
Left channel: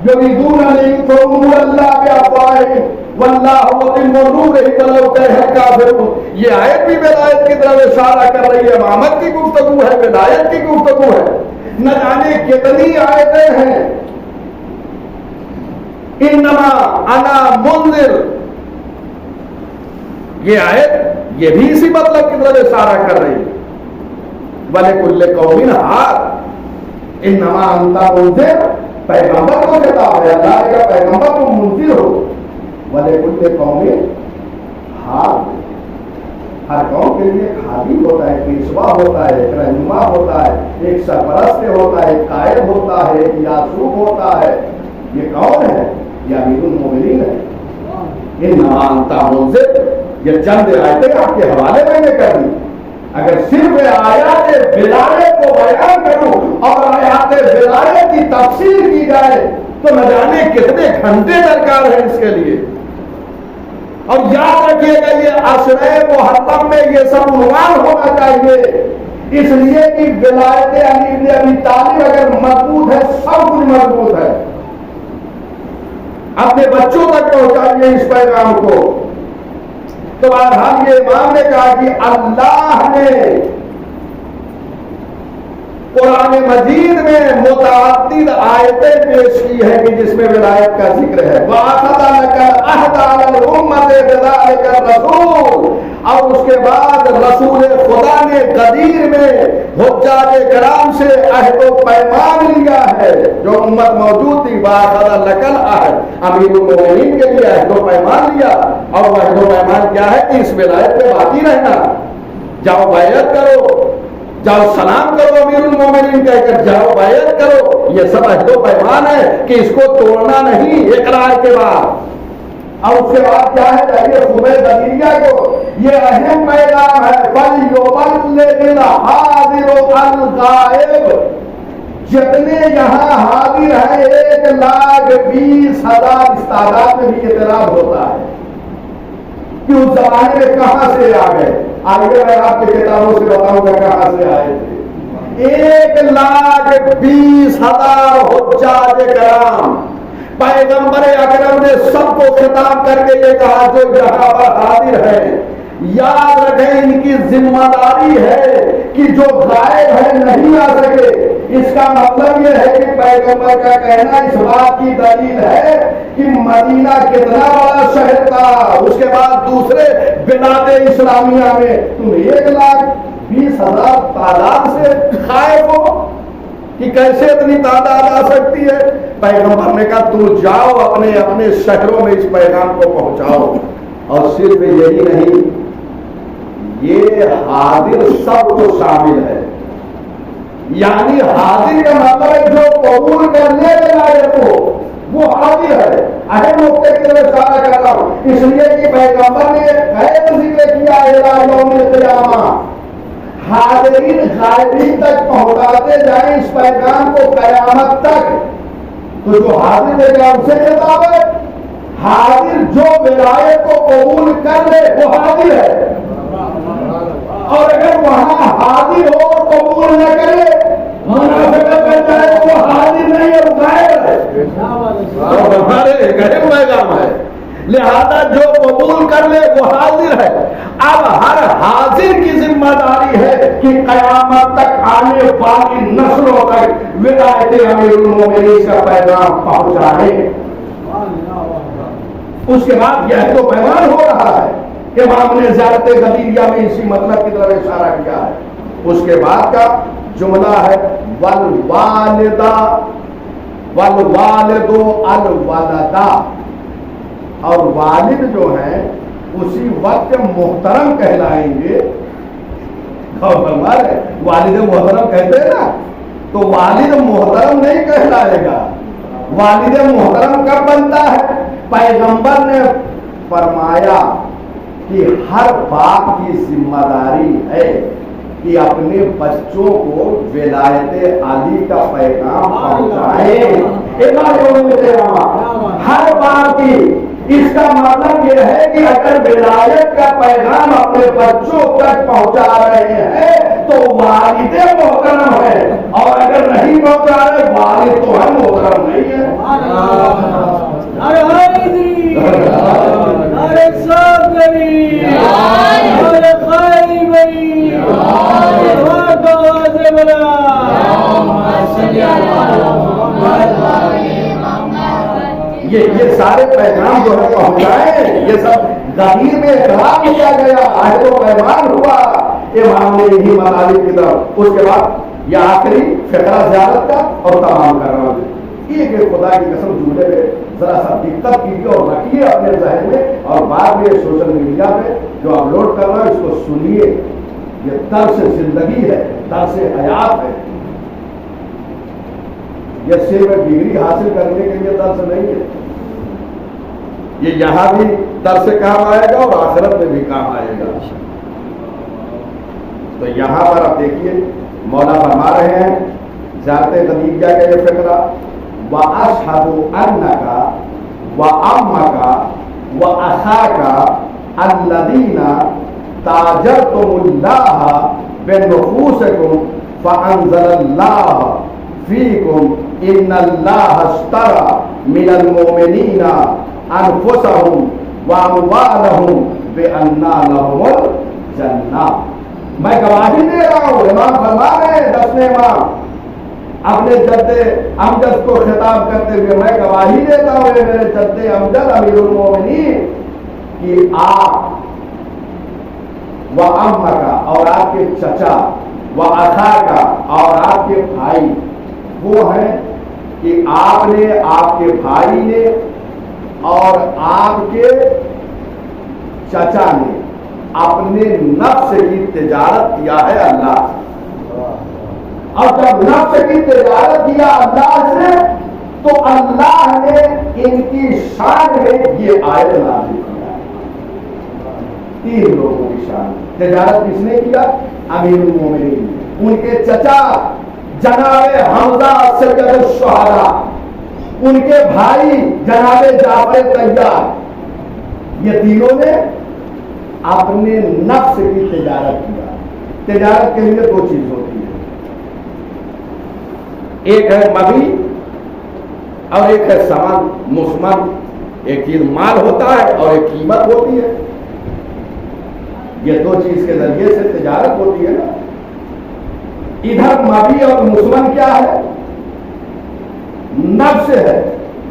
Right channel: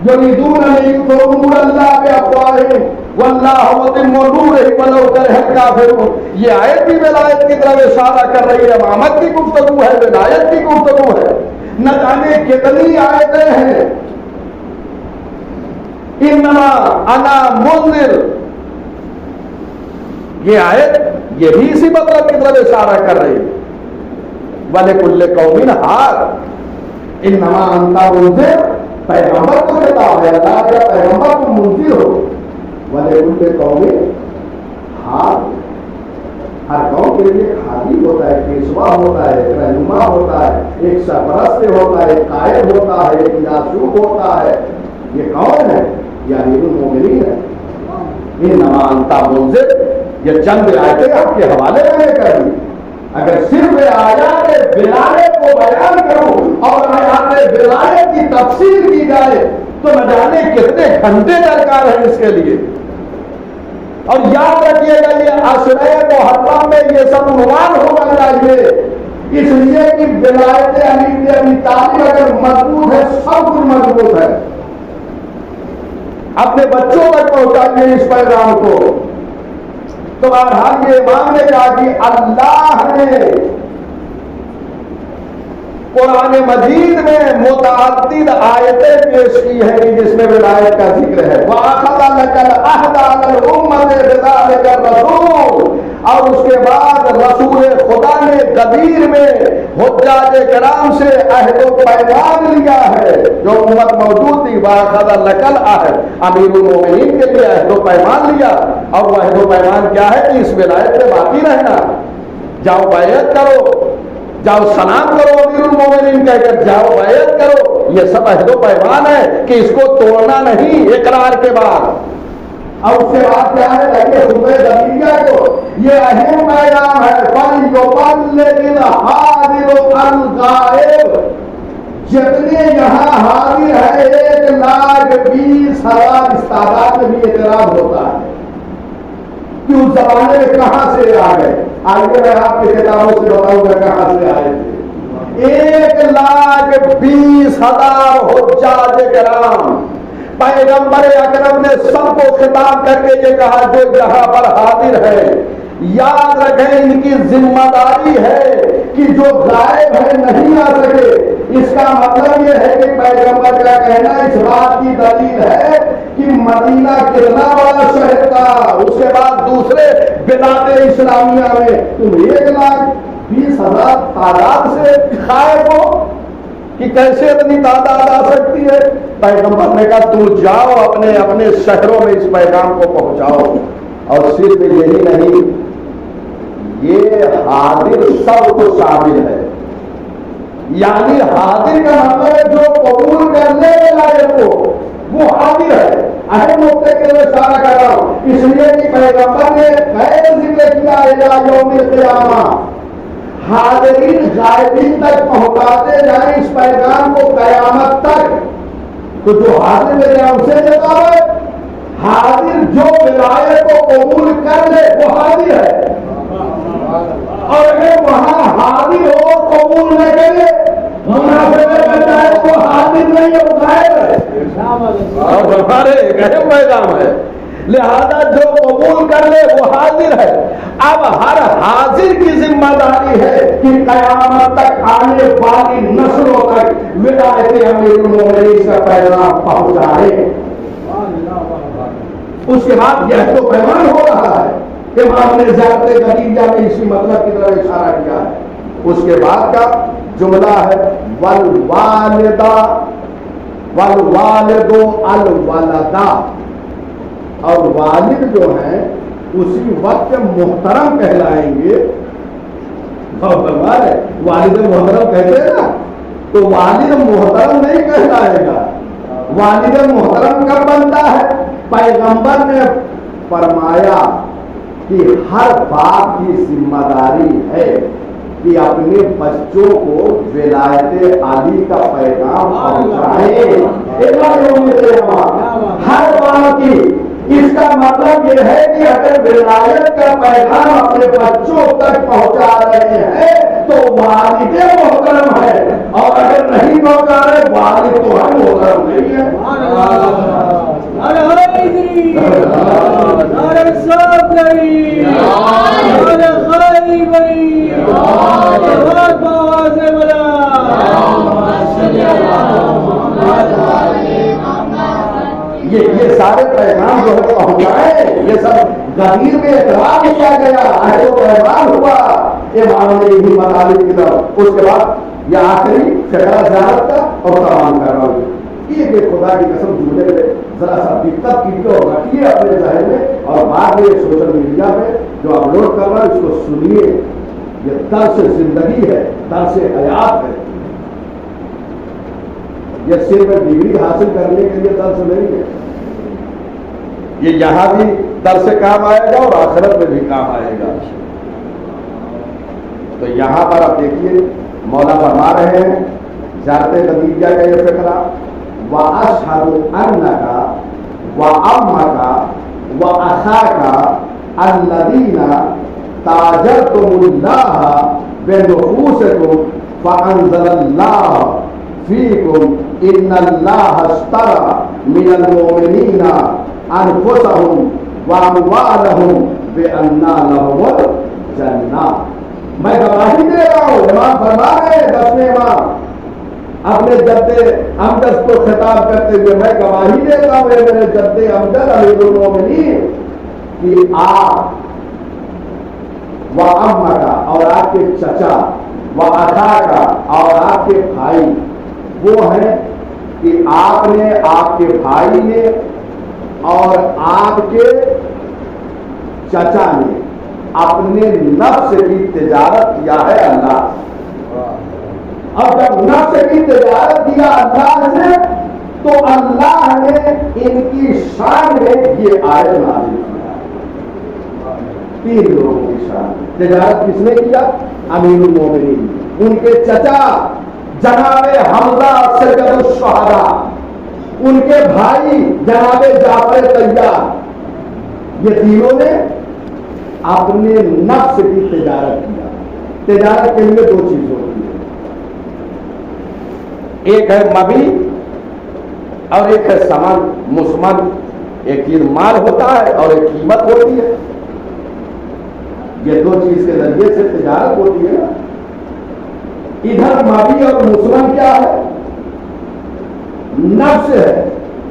یریدون ان یطفئوا نور اللہ بافواہہم واللہ متم نورہ ولو کرہ الکافرون۔ یہ آیت بھی ولایت کی طرف اشارہ کر رہی ہے، امامت کی گفتگو ہے، ولایت کی گفتگو ہے۔ نہ جانے کتنی آیتیں ہیں، انما انا منذر، یہ آیت یہ بھی اسی مطلب کی طرف اشارہ کر رہی ہے۔ وَلِكُلِّ قَوْمٍ هَادٍ، انما انت منذر، پیغمبر کو خطاب ہے، اللہ کے پیغمبر کو منذر ہو۔ وَلِكُلِّ قَوْمٍ هَادٍ، ہر قوم کے لیے خادم ہوتا ہے، پیشوا ہوتا ہے، رہنما ہوتا ہے، ایک سرپرست ہوتا ہے، ایک قائد ہوتا ہے، ایک یاسوب ہوتا ہے۔ یہ کون ہے؟ یہ امیر المومنین ہے۔ انما انت منذر، یہ چند آیتیں آپ کے حوالے میں کر دی۔ اگر صرف آیات ولایت کو بیان کروں اور آیات ولایت کی تفسیر کی جائے تو نہ جانے کتنے گھنٹے درکار ہیں اس کے لیے۔ اور یاد رکھیے گا یہ عشرہ محرم میں یہ سب عنوان ہونا چاہیے، اس لیے کہ ولایت علی بن ابی طالب اگر مضبوط ہے سب کچھ مضبوط ہے۔ اپنے بچوں تک پہنچائیے اس پیغام کو۔ تو ہم یہ امام نے کہا کہ اللہ نے قرآن مجید میں متعدد آیتیں پیش کی ہیں جس میں ولایت کا ذکر ہے۔ وَأَخَذَ لَكَ الْعَهْدَ عَلَى الْأُمَّةِ بِذَلِكَ الرَّسُولِ، اور اس کے بعد رسول خدا نے غدیر میں حجاج کرام سے عہد و پیمان لیا ہے جو امت موجود تھی۔ وَأَخَذَ لَكَ الْعَهْدَ، امیر المومنین کے لیے عہد و پیمان لیا، اور وہ عہد و پیمان کیا ہے کہ اس ولایت میں باقی رہنا، جاؤ بیعت کرو، جاؤ سلام کرو، امیر المومنین کہہ کر جاؤ بیعت کرو۔ یہ سب عہد و پیمان ہے کہ اس کو توڑنا نہیں اقرار کے بعد۔ اور اس کے بعد کیا ہے کہ خطبہ ضمیریہ کو یہ اہم پیغام ہے، فَلْيُبَلِّغِ الْحَاضِرُ الْغَائِبَ، جتنے یہاں حاضر ہیں 1,20,000 اس تعداد میں بھی اعتراض ہوتا ہے کہ اس زمانے میں کہاں سے آ گئے۔ آگے میں آپ کے کتابوں سے بتاؤں گا کہاں سے آئے تھے۔ 1,20,000 حجاج کرام، پیغمبر اکرم نے سب کو خطاب کر کے یہ کہا جو یہاں پر حاضر ہے یاد رکھیں ان کی ذمہ داری ہے کہ جو غائب ہے نہیں آ سکے۔ اس کا مطلب یہ ہے کہ پیغمبر کا کہنا اس بات کی دلیل ہے کہ مدینہ کتنا بڑا شہر تھا، اس کے بعد دوسرے بلاد اسلامیہ میں تم 1,20,000 تعداد سے غائب ہو کہ کیسے اتنی تعداد آ سکتی ہے۔ پیغمبر نے کہا تو جاؤ اپنے اپنے شہروں میں اس پیغام کو پہنچاؤ۔ اور صرف یہی نہیں، یہ حاضر سب کو شامل ہے، یعنی حاضر کا مطلب ہے جو قبول کرنے کے لائق ہو وہ حاضر ہے۔ اہم نقطے کے لیے اشارہ کر رہا ہوں، اس لیے کہ پیغمبر نے غیر ذکر کیا الی یوم القیامہ، حاضرین غائبین تک پہنچاتے جائیں اس پیغام کو قیامت تک۔ تو جو حاضر ہے کیا ان سے خطاب ہے؟ حاضر جو ولایت کو قبول کر لے وہ حاضر ہے، اور اگر وہاں حاضر کہ قیامت تک آنے والی نسلوں تک ولایت امیر المومنین کا پیغام پہنچائے۔ اس کے بعد یہ تو پیغام ہو رہا ہے، امام نے زیارت غدیریہ میں اسی مطلب کی طرف اشارہ کیا ہے۔ اس کے بعد کا جملہ ہے والوالدہ والوالد الولدہ، اور والد جو ہیں اسی وقت محترم کہلائیں گے۔ والد محترم کہتے ہیں نا، تو والد محترم نہیں کہلائے گا۔ والد محترم کب بنتا ہے؟ پیغمبر نے فرمایا کہ ہر باپ کی ذمہ داری ہے کہ اپنے بچوں کو ولایت علی کا پیغام پہنچائے۔ ہر باپ کی، اس کا مطلب یہ ہے کہ اگر ولایت کا پیغام اپنے بچوں تک پہنچا رہے ہیں تو والد محترم ہے، اور اگر نہیں پہنچا رہے والد تو ہم محترم نہیں ہے۔ یہ سارے پیغام جو ہے پہنچائے، یہ سب غدیر میں اقرار کیا گیا، عہد و پیمان ہوا امام نے یہی مطالب کی طرف۔ اس کے بعد یہ آخری فقرہ زیارت کا اور تمام کرنا ہوگا۔ یہ خدا کی قسم جملے میں ذرا سا دقت کیجیے اور رکھیے اپنے ذہن میں، اور بعد میں سوشل میڈیا پہ جو اپلوڈ کر رہا ہے اس کو سنیے۔ یہ درس زندگی ہے، درس حیات ہے، یہ صرف ڈگری حاصل کرنے کے لیے درس نہیں ہے، یہ یہاں بھی درس کام آئے گا اور آخرت میں بھی کام آئے گا۔ تو یہاں پر آپ دیکھیے مولا فرما رہے ہیں ذات غدیریہ کا یہ فقرہ، وَأَشْهَدُ أَنَّكَ وَأَمَّكَ وَأَخَاكَ الَّذِينَ تَاجَرْتُمُ اللَّهَ بِنُفُوسِكُمْ فَأَنزَلَ اللَّهُ فِيكُمْ إِنَّ اللَّهَ اشْتَرَىٰ مِنَ الْمُؤْمِنِينَ أَنفُسَهُمْ وَأَمْوَالَهُمْ بِأَنَّ لَهُمُ الْجَنَّةَ۔ میں گواہی دے رہا ہوں، امام فرما رہے ہیں، 10ویں امام اپنے جد امجد کو خطاب کرتے ہوئے، میں گواہی دیتا ہوں میرے جد امجد امیر المومنین کہ آپ و امہ کا اور آپ کے چچا و اخا کا اور آپ کے بھائی وہ ہیں کہ آپ نے، آپ کے بھائی نے اور آپ کے چچا نے اپنے نفس کی تجارت کیا ہے اللہ سے۔ اور جب نفس کی تجارت کیا اللہ سے تو اللہ نے ان کی شان میں یہ آیت نازل کیا۔ 3 لوگوں کی شان تجارت کس نے کیا؟ امیر المومنین، ان کے چچا جناب حمزہ سید الشہداء، ان کے بھائی جناب جعفر طیار، یہ تینوں نے اپنے نفس کی تجارت کیا۔ تجارت کے لیے 2 چیز ہوتی ہے، ایک ہے مبی اور ایک ہے سمن مسمن۔ ایک چیز مال ہوتا ہے اور ایک قیمت ہوتی ہے، یہ 2 چیز کے ذریعے سے تجارت ہوتی ہے نا۔ ادھر مبی اور مسمن کیا ہے؟ نفس ہے،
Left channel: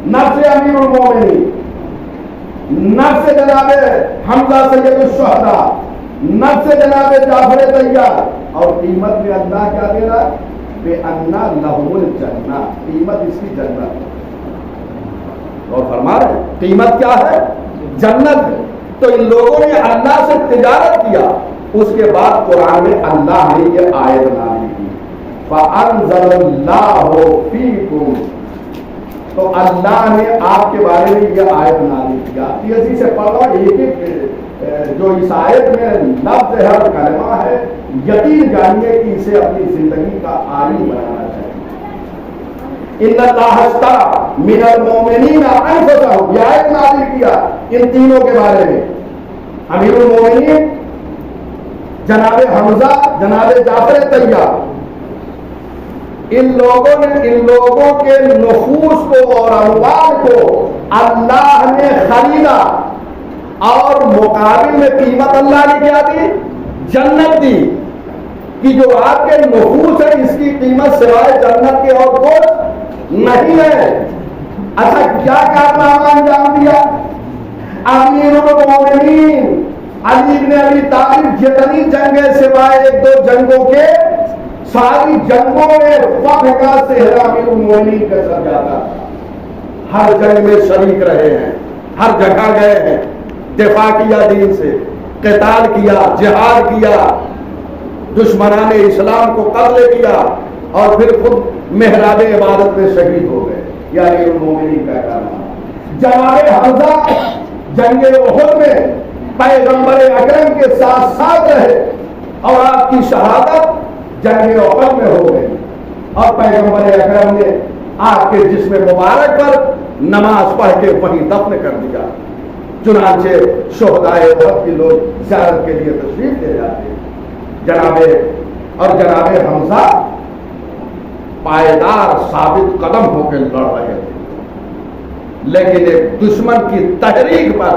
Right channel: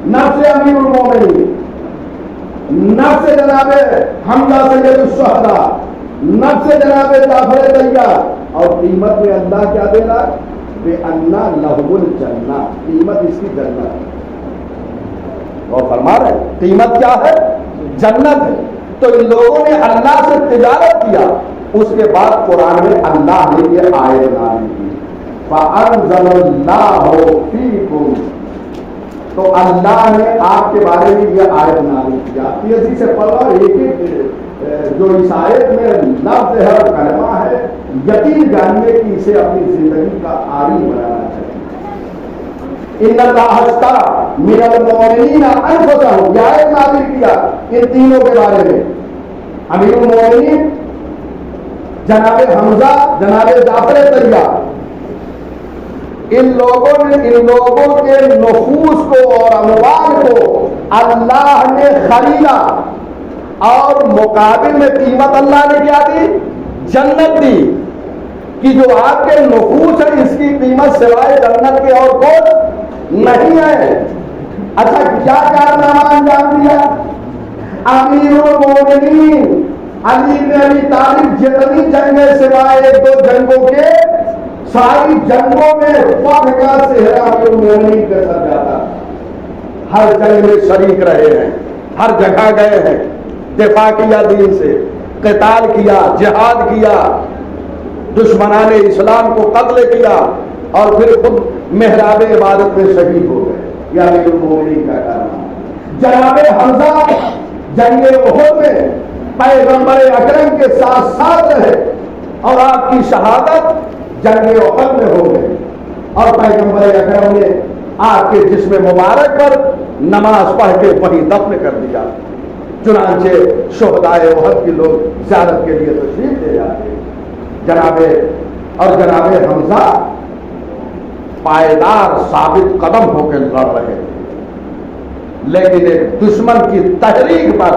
نفس امیر المومنین، نفس جناب حمزہ سید الشہداء، نفس جناب جعفر طیار، اور قیمت میں اللہ کیا دے رہا؟ بِأَنَّ لَهُمُ الْجَنَّةَ، قیمت اس کی جنت۔ اور فرما رہے ہیں قیمت کیا ہے؟ جنت ہے۔ تو ان لوگوں نے اللہ سے تجارت کیا، اس کے بعد قرآن میں اللہ نے یہ آیت نازل کی، فَأَنزَلَ اللَّهُ فِيكُمْ، تو اللہ نے آپ کے بارے میں یہ آیت نازل کیا۔ تیزی سے پڑھو، ایک ایک جو اس آیت میں لفظ ہے کلمہ ہے، یقین جانیے کہ اسے اپنی زندگی کا عاری بنانا چاہیے۔ ان اللہ اشتری من المؤمنین انفسهم، یہ آیت نازل کیا ان تینوں کے بارے میں، امیر المؤمنین جناب حمزہ جناب جعفر طیار، ان لوگوں کے نفوس کو اور اموال کو اللہ نے خریدا، اور مقابل میں قیمت اللہ نے کیا دی؟ جنت دی۔ کہ جو آپ کے نفوس ہے اس کی قیمت سوائے جنت کے اور کچھ نہیں ہے۔ اچھا کیا کارنامہ انجام دیا؟ امیر المومنین علی بن ابی طالب جتنی جنگیں سوائے ایک دو جنگوں کے ساری جنگوں میں وقت کا صحرا امیر المومنین کے ساتھ جاتا، ہر جنگ میں شریک رہے ہیں، ہر جگہ گئے ہیں، دفاع کیا دین سے، قتال کیا، جہاد کیا، دشمنان اسلام کو قتل کیا اور پھر خود محراب عبادت میں شہید ہو گئے۔ یہ امیر المومنین کا کارنامہ۔ جناب حمزہ جنگ احد میں پیغمبر اکرم کے ساتھ ساتھ رہے اور آپ کی شہادت جنگ احد میں ہو گئی، اور پیغمبر اکرم نے آپ کے جسم مبارک پر نماز پڑھ کے وہیں دفن کر دیا۔ چنانچہ شہدائے احد کے لوگ زیارت کے لیے تشریف لے جاتے ہیں۔ جناب حمزہ پائیدار ثابت قدم ہو کے لڑ رہے تھے، لیکن ایک دشمن کی تحریک پر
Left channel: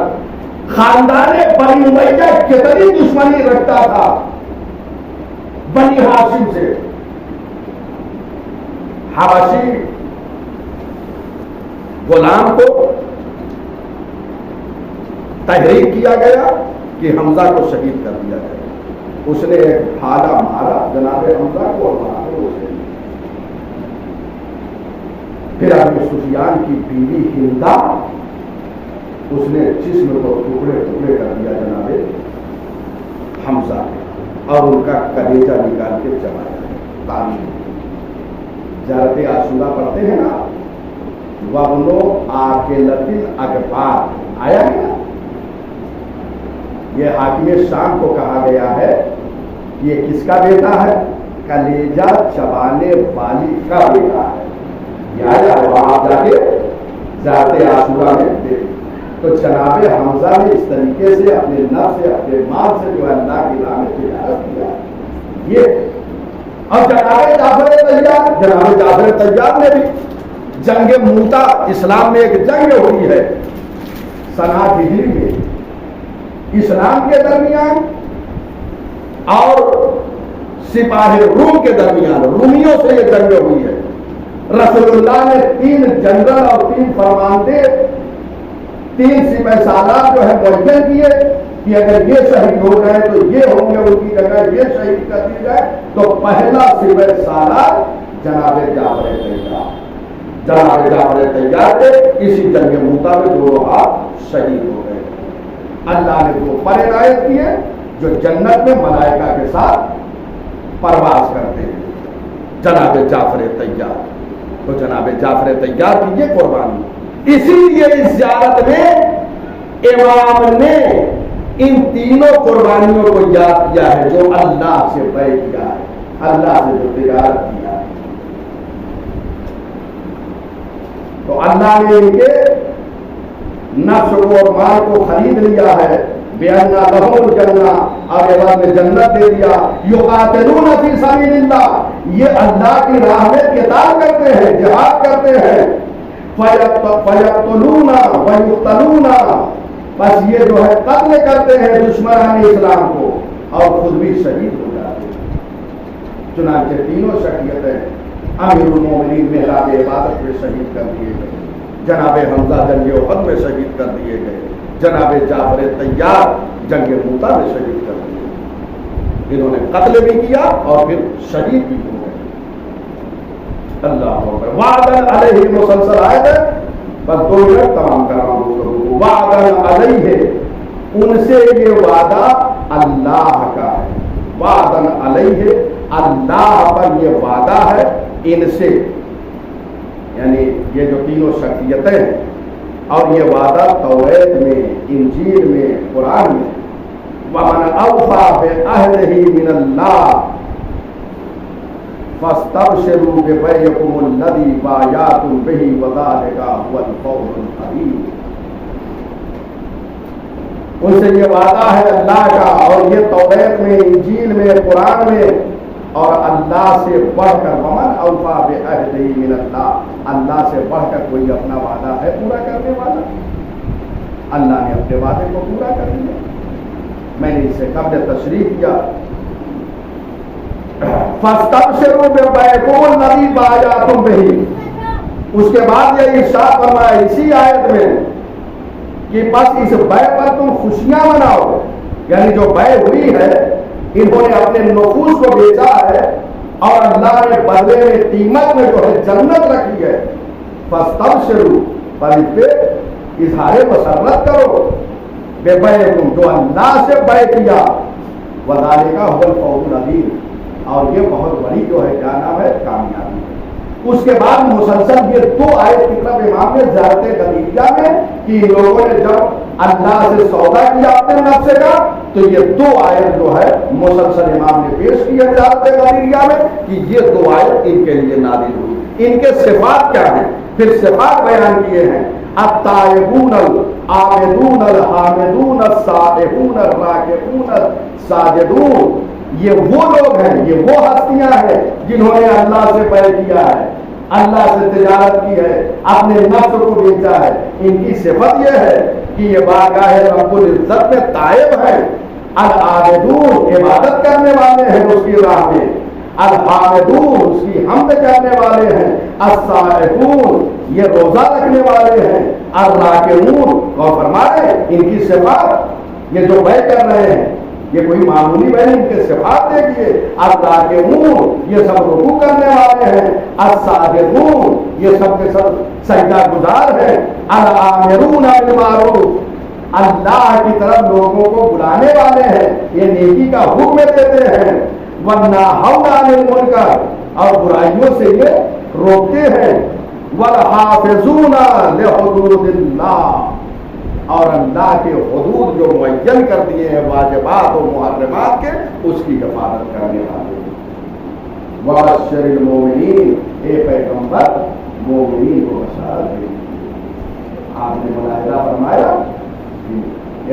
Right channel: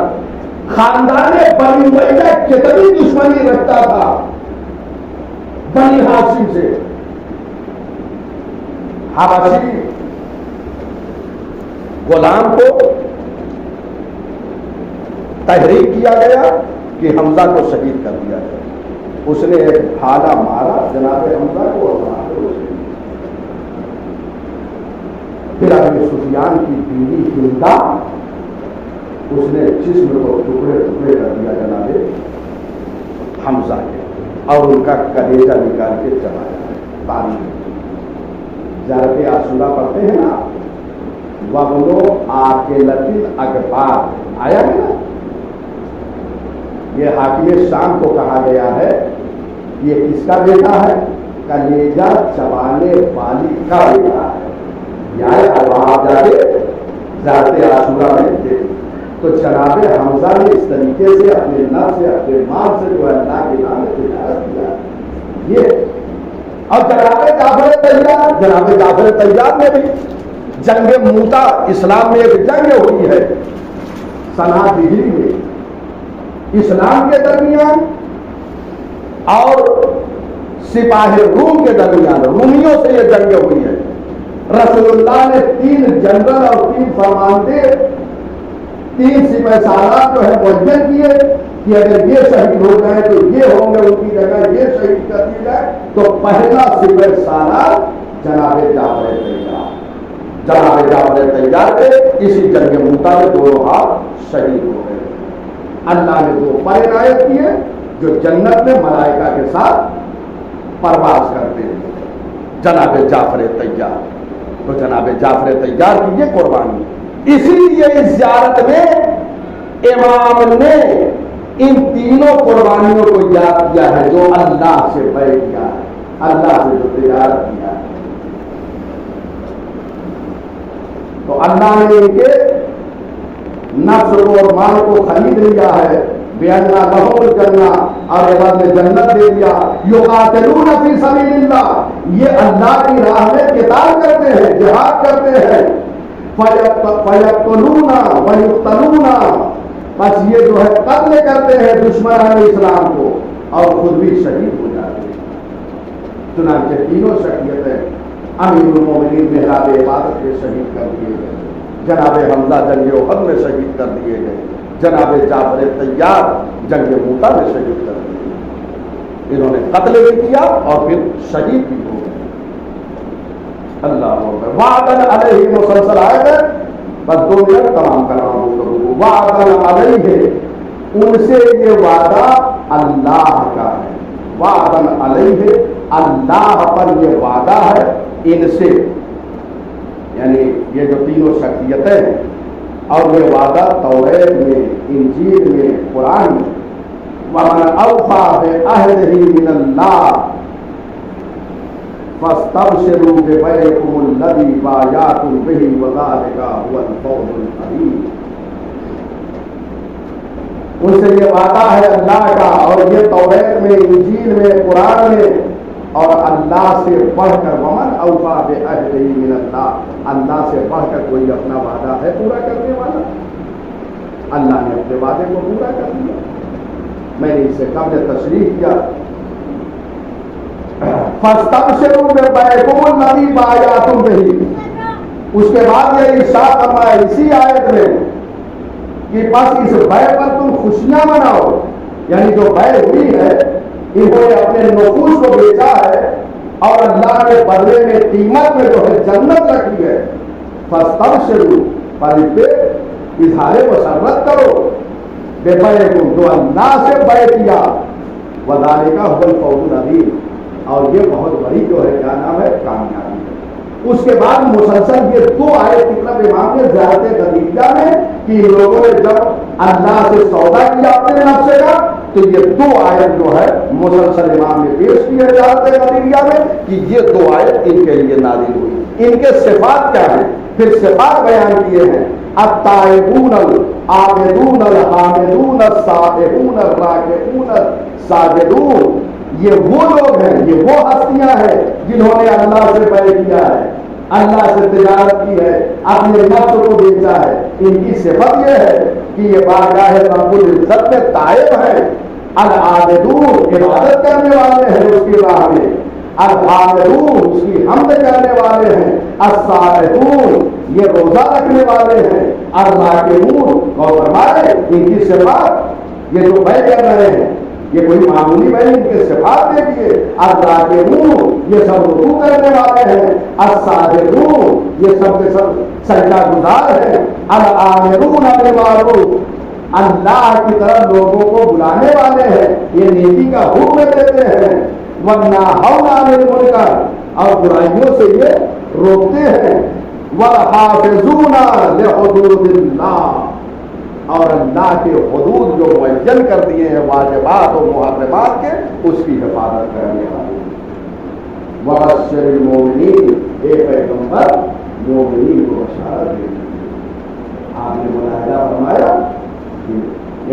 خاندان بنی امیہ کتنی دشمنی رکھتا تھا بنی ہاشم سے۔ حبشی غلام کو تحریک کیا گیا کہ حمزہ کو شہید کر دیا جائے۔ اس نے ایک بھالا مارا جناب حمزہ کو اور مارا اسے۔ پھر ابو سفیان کی بیوی ہندا، اس نے جسم کو ٹکڑے ٹکڑے کر دیا جناب حمزہ اور ان کا کلیجہ نکال کے چلا گیا تاریخ۔ زیارت عاشورہ پڑھتے ہیں نا، وَغْنُ آكِلَةِ الْأَكْبَارِ آیا ہے نا، یہ حاکم شام کو کہا گیا ہے یہ کس کا بیٹا ہے؟ کلیجہ چبانے والی کا بیٹا ہے۔ آپ جا کے زیارت عاشورہ میں دیکھیں تو جناب حمزہ نے اس طریقے سے اپنے نفس سے اپنے مال سے جو اللہ کی راہ میں تجارت کیا یہ۔ اور جناب جعفر طیار نے بھی جنگ موتا، اسلام میں ایک جنگ ہوئی ہے سنہ ہجری میں اسلام کے درمیان اور سپاہ روم کے درمیان، رومیوں سے یہ جنگ ہوئی ہے۔ رسول اللہ نے 3 جنرل اور 3 فرماندے، 3 سپہ سالار جو ہے معین کیے کہ اگر یہ شہید ہو گئے تو یہ ہوں گے، ان کی جگہ یہ شہید کر دی جائے۔ تو پہلا سپہ سالار جناب جعفر طیار تھے۔ اسی جنگ موتا میں 2 ہاتھ شہید ہو گئے۔ اللہ نے وہ پر عنایت کیے جو جنت میں ملائکہ کے ساتھ پرواز کرتے ہیں، جناب جعفر طیار۔ تو جناب جعفر طیار کی یہ قربانی، اسی لیے اس زیارت میں امام نے ان تینوں قربانیوں کو یاد کیا ہے جو اللہ سے بیع کیا ہے، اللہ سے جو تجارت کیا ہے۔ تو اللہ نے ان کے نفس اور مال کو خرید لیا ہے، بِأَنَّ لَهُمُ الْجَنَّةَ، اور عوض میں جنت دے دیا۔ يُقَاتِلُونَ فِي سَبِيلِ اللَّهِ، یہ اللہ کی راہ میں قتال کرتے ہیں، جہاد کرتے ہیں۔ فَيَقْتُلُونَ وَيُقْتَلُونَ، بس یہ جو ہے قتل کرتے ہیں دشمنان اسلام کو اور خود بھی شہید ہو جاتے ہیں۔ چنانچہ تینوں شخصیتیں امیر المومنین محراب عبادت کے شہید کر دیے گئے، جناب حمزہ جنگ احد میں شہید کر دیے گئے، جناب جعفر طیار جنگ موتا میں شہید کر دیے گئے۔ انہوں نے قتل بھی کیا اور پھر شہید بھی ہو گئے۔ اللہ اکبر۔ وعدن علیہ مسلسل آئے گئے، بس 2 منٹ تمام کراؤں گا۔ وعدن علیہ، ان سے یہ وعدہ اللہ کا ہے، وعدن علیہ، اللہ پر یہ وعدہ ہے ان سے، یعنی یہ جو تینوں شخصیتیں ہیں، اور یہ وعدہ توریت میں، انجیل میں، قرآن میں، وَمَنْ أَوْفَىٰ بِعَهْدِهِ مِنَ اللَّهِ فَاسْتَبْشِرُوا بِبَيْعِكُمُ الَّذِي بَايَعْتُم بِهِ وَذَٰلِكَ هُوَ الْفَوْزُ الْعَظِيمُ۔ ان سے یہ وعدہ ہے اللہ کا، اور یہ توریت میں، انجیل میں، قرآن میں، اور اللہ سے بڑھ کر وَمَنْ أَوْفَىٰ بِعَهْدِهِ مِنَ اللَّهِ، اللہ سے بڑھ کر کوئی اپنا وعدہ ہے پورا کرنے والا؟ اللہ نے اپنے وعدے کو پورا کر دیا۔ میں نے اس سے قبل تشریح کیا فاستبشروا ببیعکم الذی بایعتم بہ. اس کے بعد یہ ارشاد فرمایا اسی آیت میں کہ بس اس بیع پر تم خوشیاں مناؤ. یعنی جو بیع ہوئی ہے انہوں نے اپنے نفوس کو بیچا ہے اور اللہ نے بدلے میں قیمت میں جو ہے جنت رکھی ہے. فاستبشروا پر اس پہ اظہار مسرت کرو ببیعکم جو اللہ سے بیع کیا. وذالک هو الفوز العظیم. اور یہ بہت بڑی جو ہے کیا نام ہے کامیابی. اس کے بعد مسلسل یہ دو آیت کی طرف امام نے زیارت خدیجہ میں کہ لوگوں نے جب اللہ سے سودا کیا اپنے نفس کا تو یہ دو آیت جو ہے مسلسل امام نے پیش کی ہے زیارت خدیجہ میں کہ یہ دو آیت ان کے لیے نازل ہوئی. ان کے صفات کیا ہیں؟ پھر صفات بیان کیے ہیں. التائبون العابدون الحامدون السابحون الراکعون الساجدون. یہ وہ لوگ ہیں, یہ وہ ہستیاں ہیں جنہوں نے اللہ سے بیع کیا ہے, اللہ سے تجارت کی ہے, اپنے نفس کو بیچا ہے. ان کی صفت یہ ہے کہ یہ بارگاہ رب العزت میں تائب ہے. العابدون عبادت کرنے والے ہیں اس کی راہ میں, الحامدون اس کی حمد کرنے والے ہیں, السائحون یہ روزہ رکھنے والے ہیں, الراکعون اور فرمائے ان کی صفات یہ جو بیع کر رہے ہیں یہ کوئی معمولی بیع, ان کے صفات دیکھیے. الراکعون یہ سب رکوع کرنے والے ہیں, الساجدون یہ سب کے سب سجدہ گزار ہیں, العامرون بالمعروف اللہ کی طرف لوگوں کو بلانے والے ہیں, یہ نیکی کا حکم دیتے ہیں. والناہون عن المنکر اور برائیوں سے یہ روکتے ہیں. والحافظون لحدود اللہ اور اللہ کے حدود جو معین کر دیے ہیں واجبات اور محرمات کے اس کی حفاظت کرنے والے. وبشر المؤمنین اے پیغمبر مومنین کو بشارت دے. آپ نے ملاحظہ فرمایا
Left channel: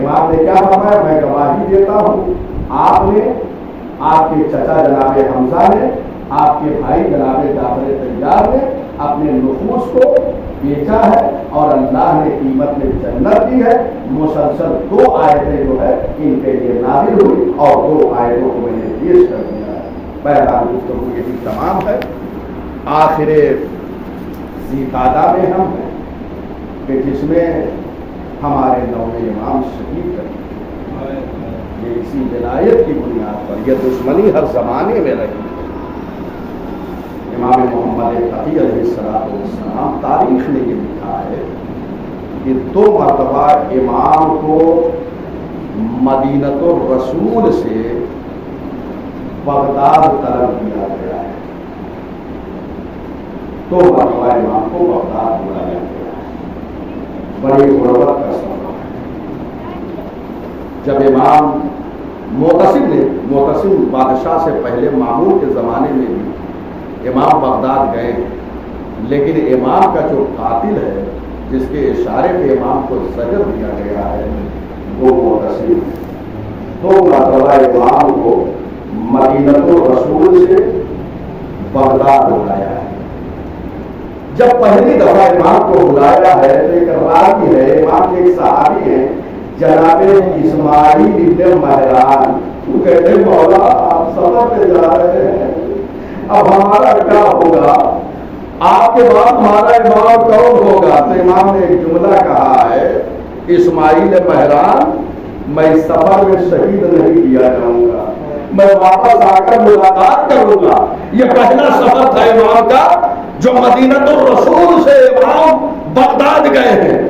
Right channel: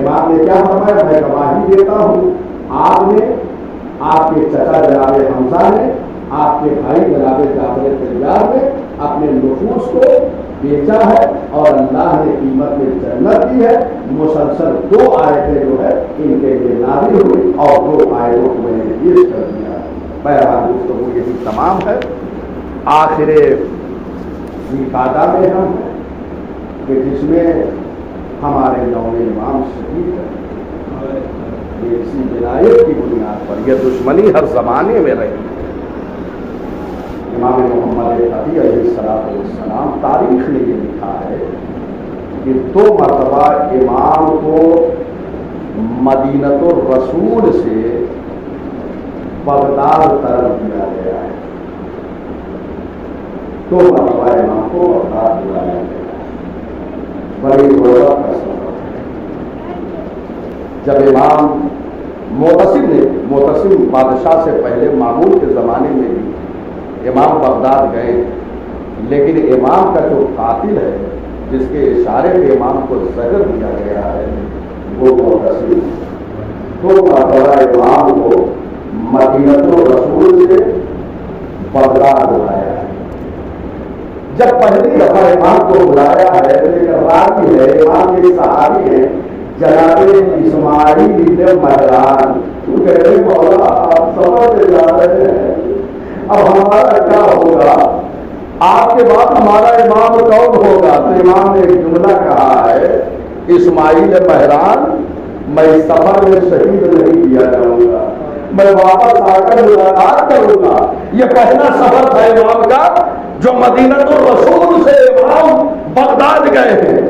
امام نے کیا فرمایا؟ میں گواہی دیتا ہوں آپ نے, آپ کے چچا جناب حمزہ نے, آپ کے بھائی جناب جعفر طیار نے اپنے نفوس کو بیچا ہے اور اللہ نے قیمت میں جنت دی ہے. مسلسل دو آیتیں جو ہے ان کے لیے نازل ہوئی اور دو آیتوں کو میں نے پیش کر دیا ہے. بہرحال گفتگو یہی تمام ہے. آخر ذیقعدہ میں ہم ہیں کہ جس میں ہمارے نویں امام شہید ہے. یہ اسی ولایت کی بنیاد پر یہ دشمنی ہر زمانے میں رہی. امام محمد علی علیہ السلام تاریخ نے یہ لکھا ہے کہ دو مرتبہ امام کو مدینۃ الرسول سے بغداد طلب کیا گیا ہے. دو مرتبہ امام کو بغداد بلایا گیا ہے. بڑی ضرورت کا سبب ہے. جب امام معتصم بادشاہ سے پہلے مامون کے زمانے میں امام بغداد گئے, لیکن امام کا جو قاتل ہے جس کے اشارے پہ امام کو زجر دیا گیا ہے وہ معتصم ہے. دو مرتبہ امام کو مدینۃ الرسول سے بغداد بلایا ہے. جب پہلی دفعہ امام کو بلایا ہے تو ایک راوی ہے, امام کے صحابی ہیں جناب اسماعیل ابن مہران. وہ کہتے ہیں مولا آپ سفر پہ جا رہے ہیں, اب ہمارا کیا ہوگا, آپ کے بعد ہمارا امام کون ہوگا؟ تو امام نے ایک جملہ کہا ہے اسماعیل مہران میں سفر میں شہید نہیں کیا جاؤں گا, میں واپس آ کر ملاقات کروں گا. یہ پہلا سفر تھا امام کا جو مدینۃ الرسول سے امام بغداد گئے ہیں.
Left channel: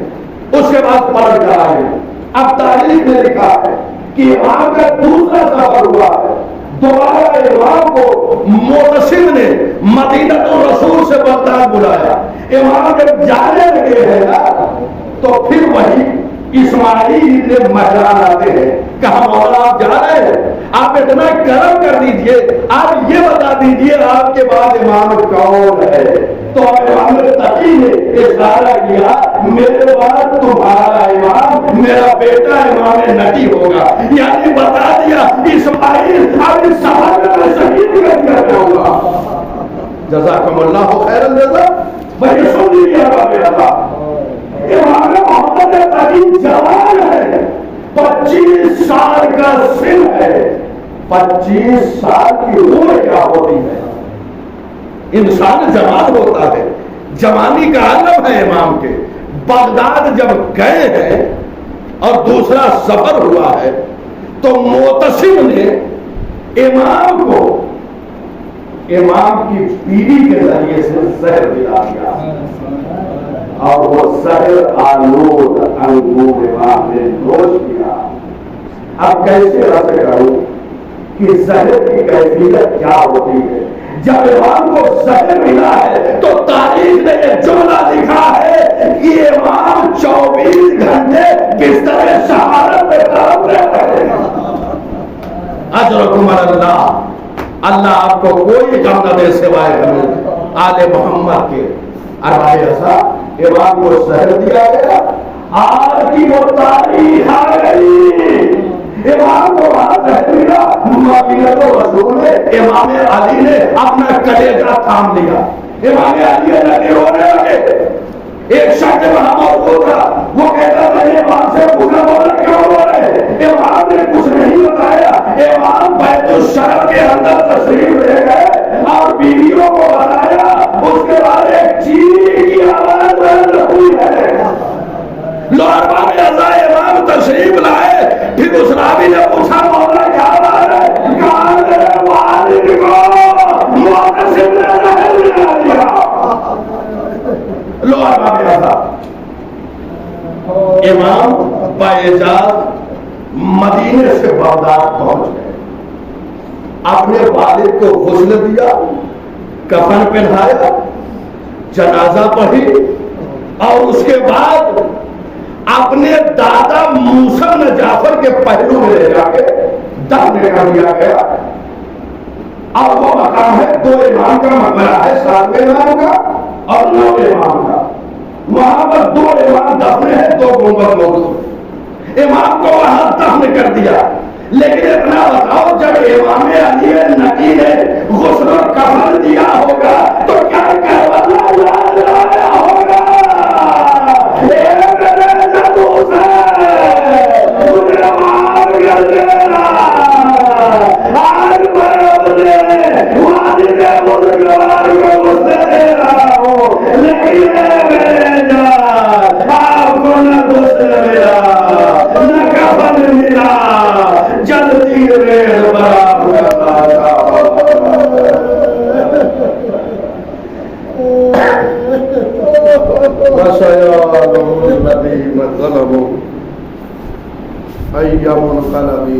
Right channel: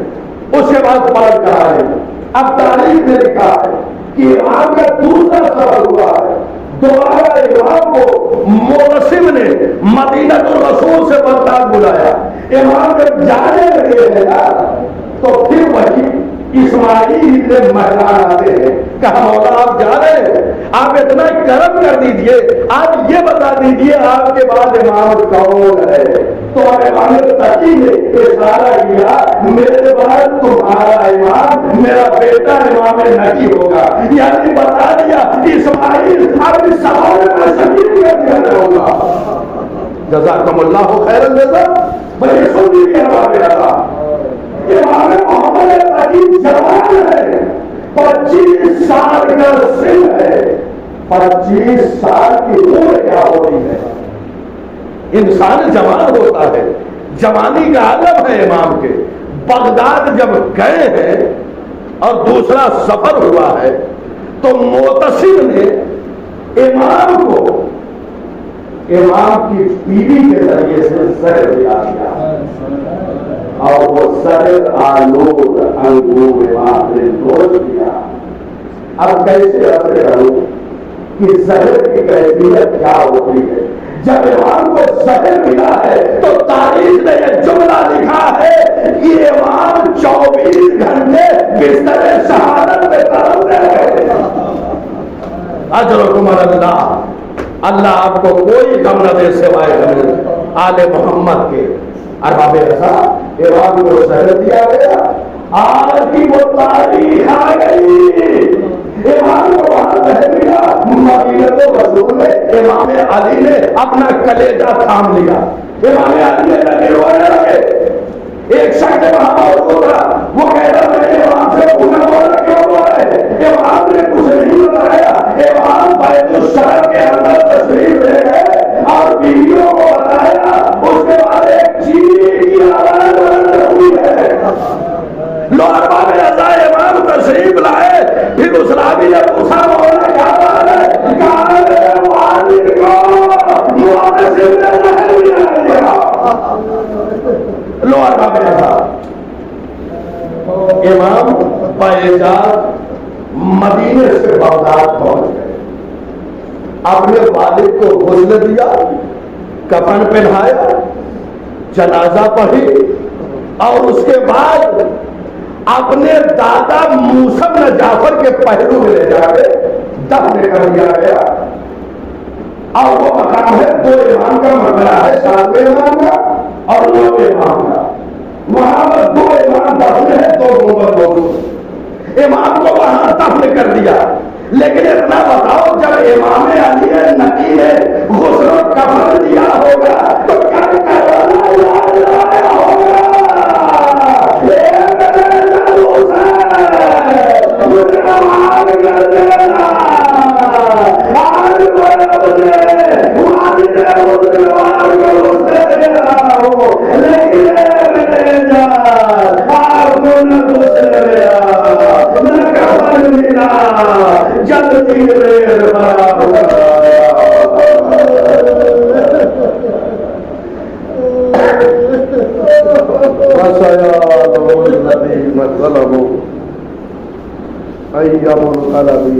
اس کے بعد پلٹ جا رہے ہیں. اب تاریخ میں لکھا ہے کہ امام کا دوسرا سفر ہوا ہے. دوبارہ امام کو معتصم نے مدینۃ الرسول سے بغداد بلایا. امام جب جانے لگے ہیں نا تو پھر وہی اسماعیل ابن مہران آتے ہیں. کہا مولا آپ جا رہے ہیں, آپ اتنا کرم کر دیجئے, آپ یہ بتا دیجئے آپ کے بعد امام کون ہے. تو امام تقی نے اشارہ کیا میرے بعد تمہارا امام میرا بیٹا امام نبی ہوگا. یعنی بتا دیا اسماعیل آپ اس سفر میں شہید کر دیا ہوگا. جزاکم اللہ خیر الجزا. وہی سن لیجیے ہمارے اللہ امام محمد تقی جوان ہے, 25 سال کا سن ہے, 25 سال کی عمر کیا ہوتی ہے؟ انسان جوان ہوتا ہے، جوانی کا عالم ہے امام کے۔ بغداد جب گئے ہیں اور دوسرا سفر ہوا ہے تو معتصم نے امام کو امام کی بیوی کے ذریعے سے زہر دیا اور وہ زہر آلود انگور امام نے نوش کیا۔ اب کیسے اثر کروں کہ زہر کی کیفیت کیا ہوتی ہے؟ جب امام کو زہر ملا ہے تو تاریخ نے یہ جملہ لکھا ہے کہ امام 24 گھنٹے بستر شہادت میں تڑپ رہے ہیں۔ اجرکم اللہ، اللہ آپ کو کوئی غم نہ دے سوائے ہمیں آل محمد کے۔ ارباب ایسا امام کو زہر دیا گیا، آج کی وہ تاریخ آ گئی۔ امام کو وہاں زہر ملا، مدینہ رسول میں امام علی نے اپنا کلیجہ تھام لیا۔ امام علی نے لگے ہونے لگے، ایک شخص وہاں موجود تھا، وہ کہتا میں نے امام سے پوچھا بولا کیوں بولے؟ امام نے کچھ نہیں بتایا۔ امام بیت الشرف کے اندر تشریف لے گئے اور بیویوں کو بتایا، اس کے بعد ایک چیخ کی آواز ہوئی ہے۔ لوگ امام تشریف لائے، پھر اس راوی نے پوچھا مولا کیا بات ہے؟ کہا میرے والد کو معتصم نے زہر ملا دیا۔ لو امام بااجازت مدینے سے بغداد پہنچ گئے، اپنے والد کو غسل دیا، کفن پہنایا، جنازہ پڑھی اور اس کے بعد اپنے دادا موسی بن جعفر کے پہلو میں لے جا کے دفن کر دیا گیا۔ اور وہ مقام ہے 2 امام کا مقبرہ ہے، 7ویں امام کا اور 9ویں امام کا۔ وہاں پر 2 امام دفن ہے، 2 گنبد موجود۔ امام کو وہاں دفن کر دیا، لیکن اتنا بتاؤ جب امام علی نقی نے غسل و کفن دیا ہوگا تو کیا کروایا ہوگا؟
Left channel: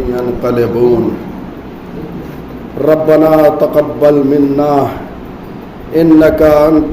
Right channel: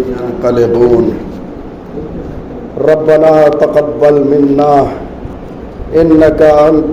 ينقلبون ربنا تقبل منا إنك أنت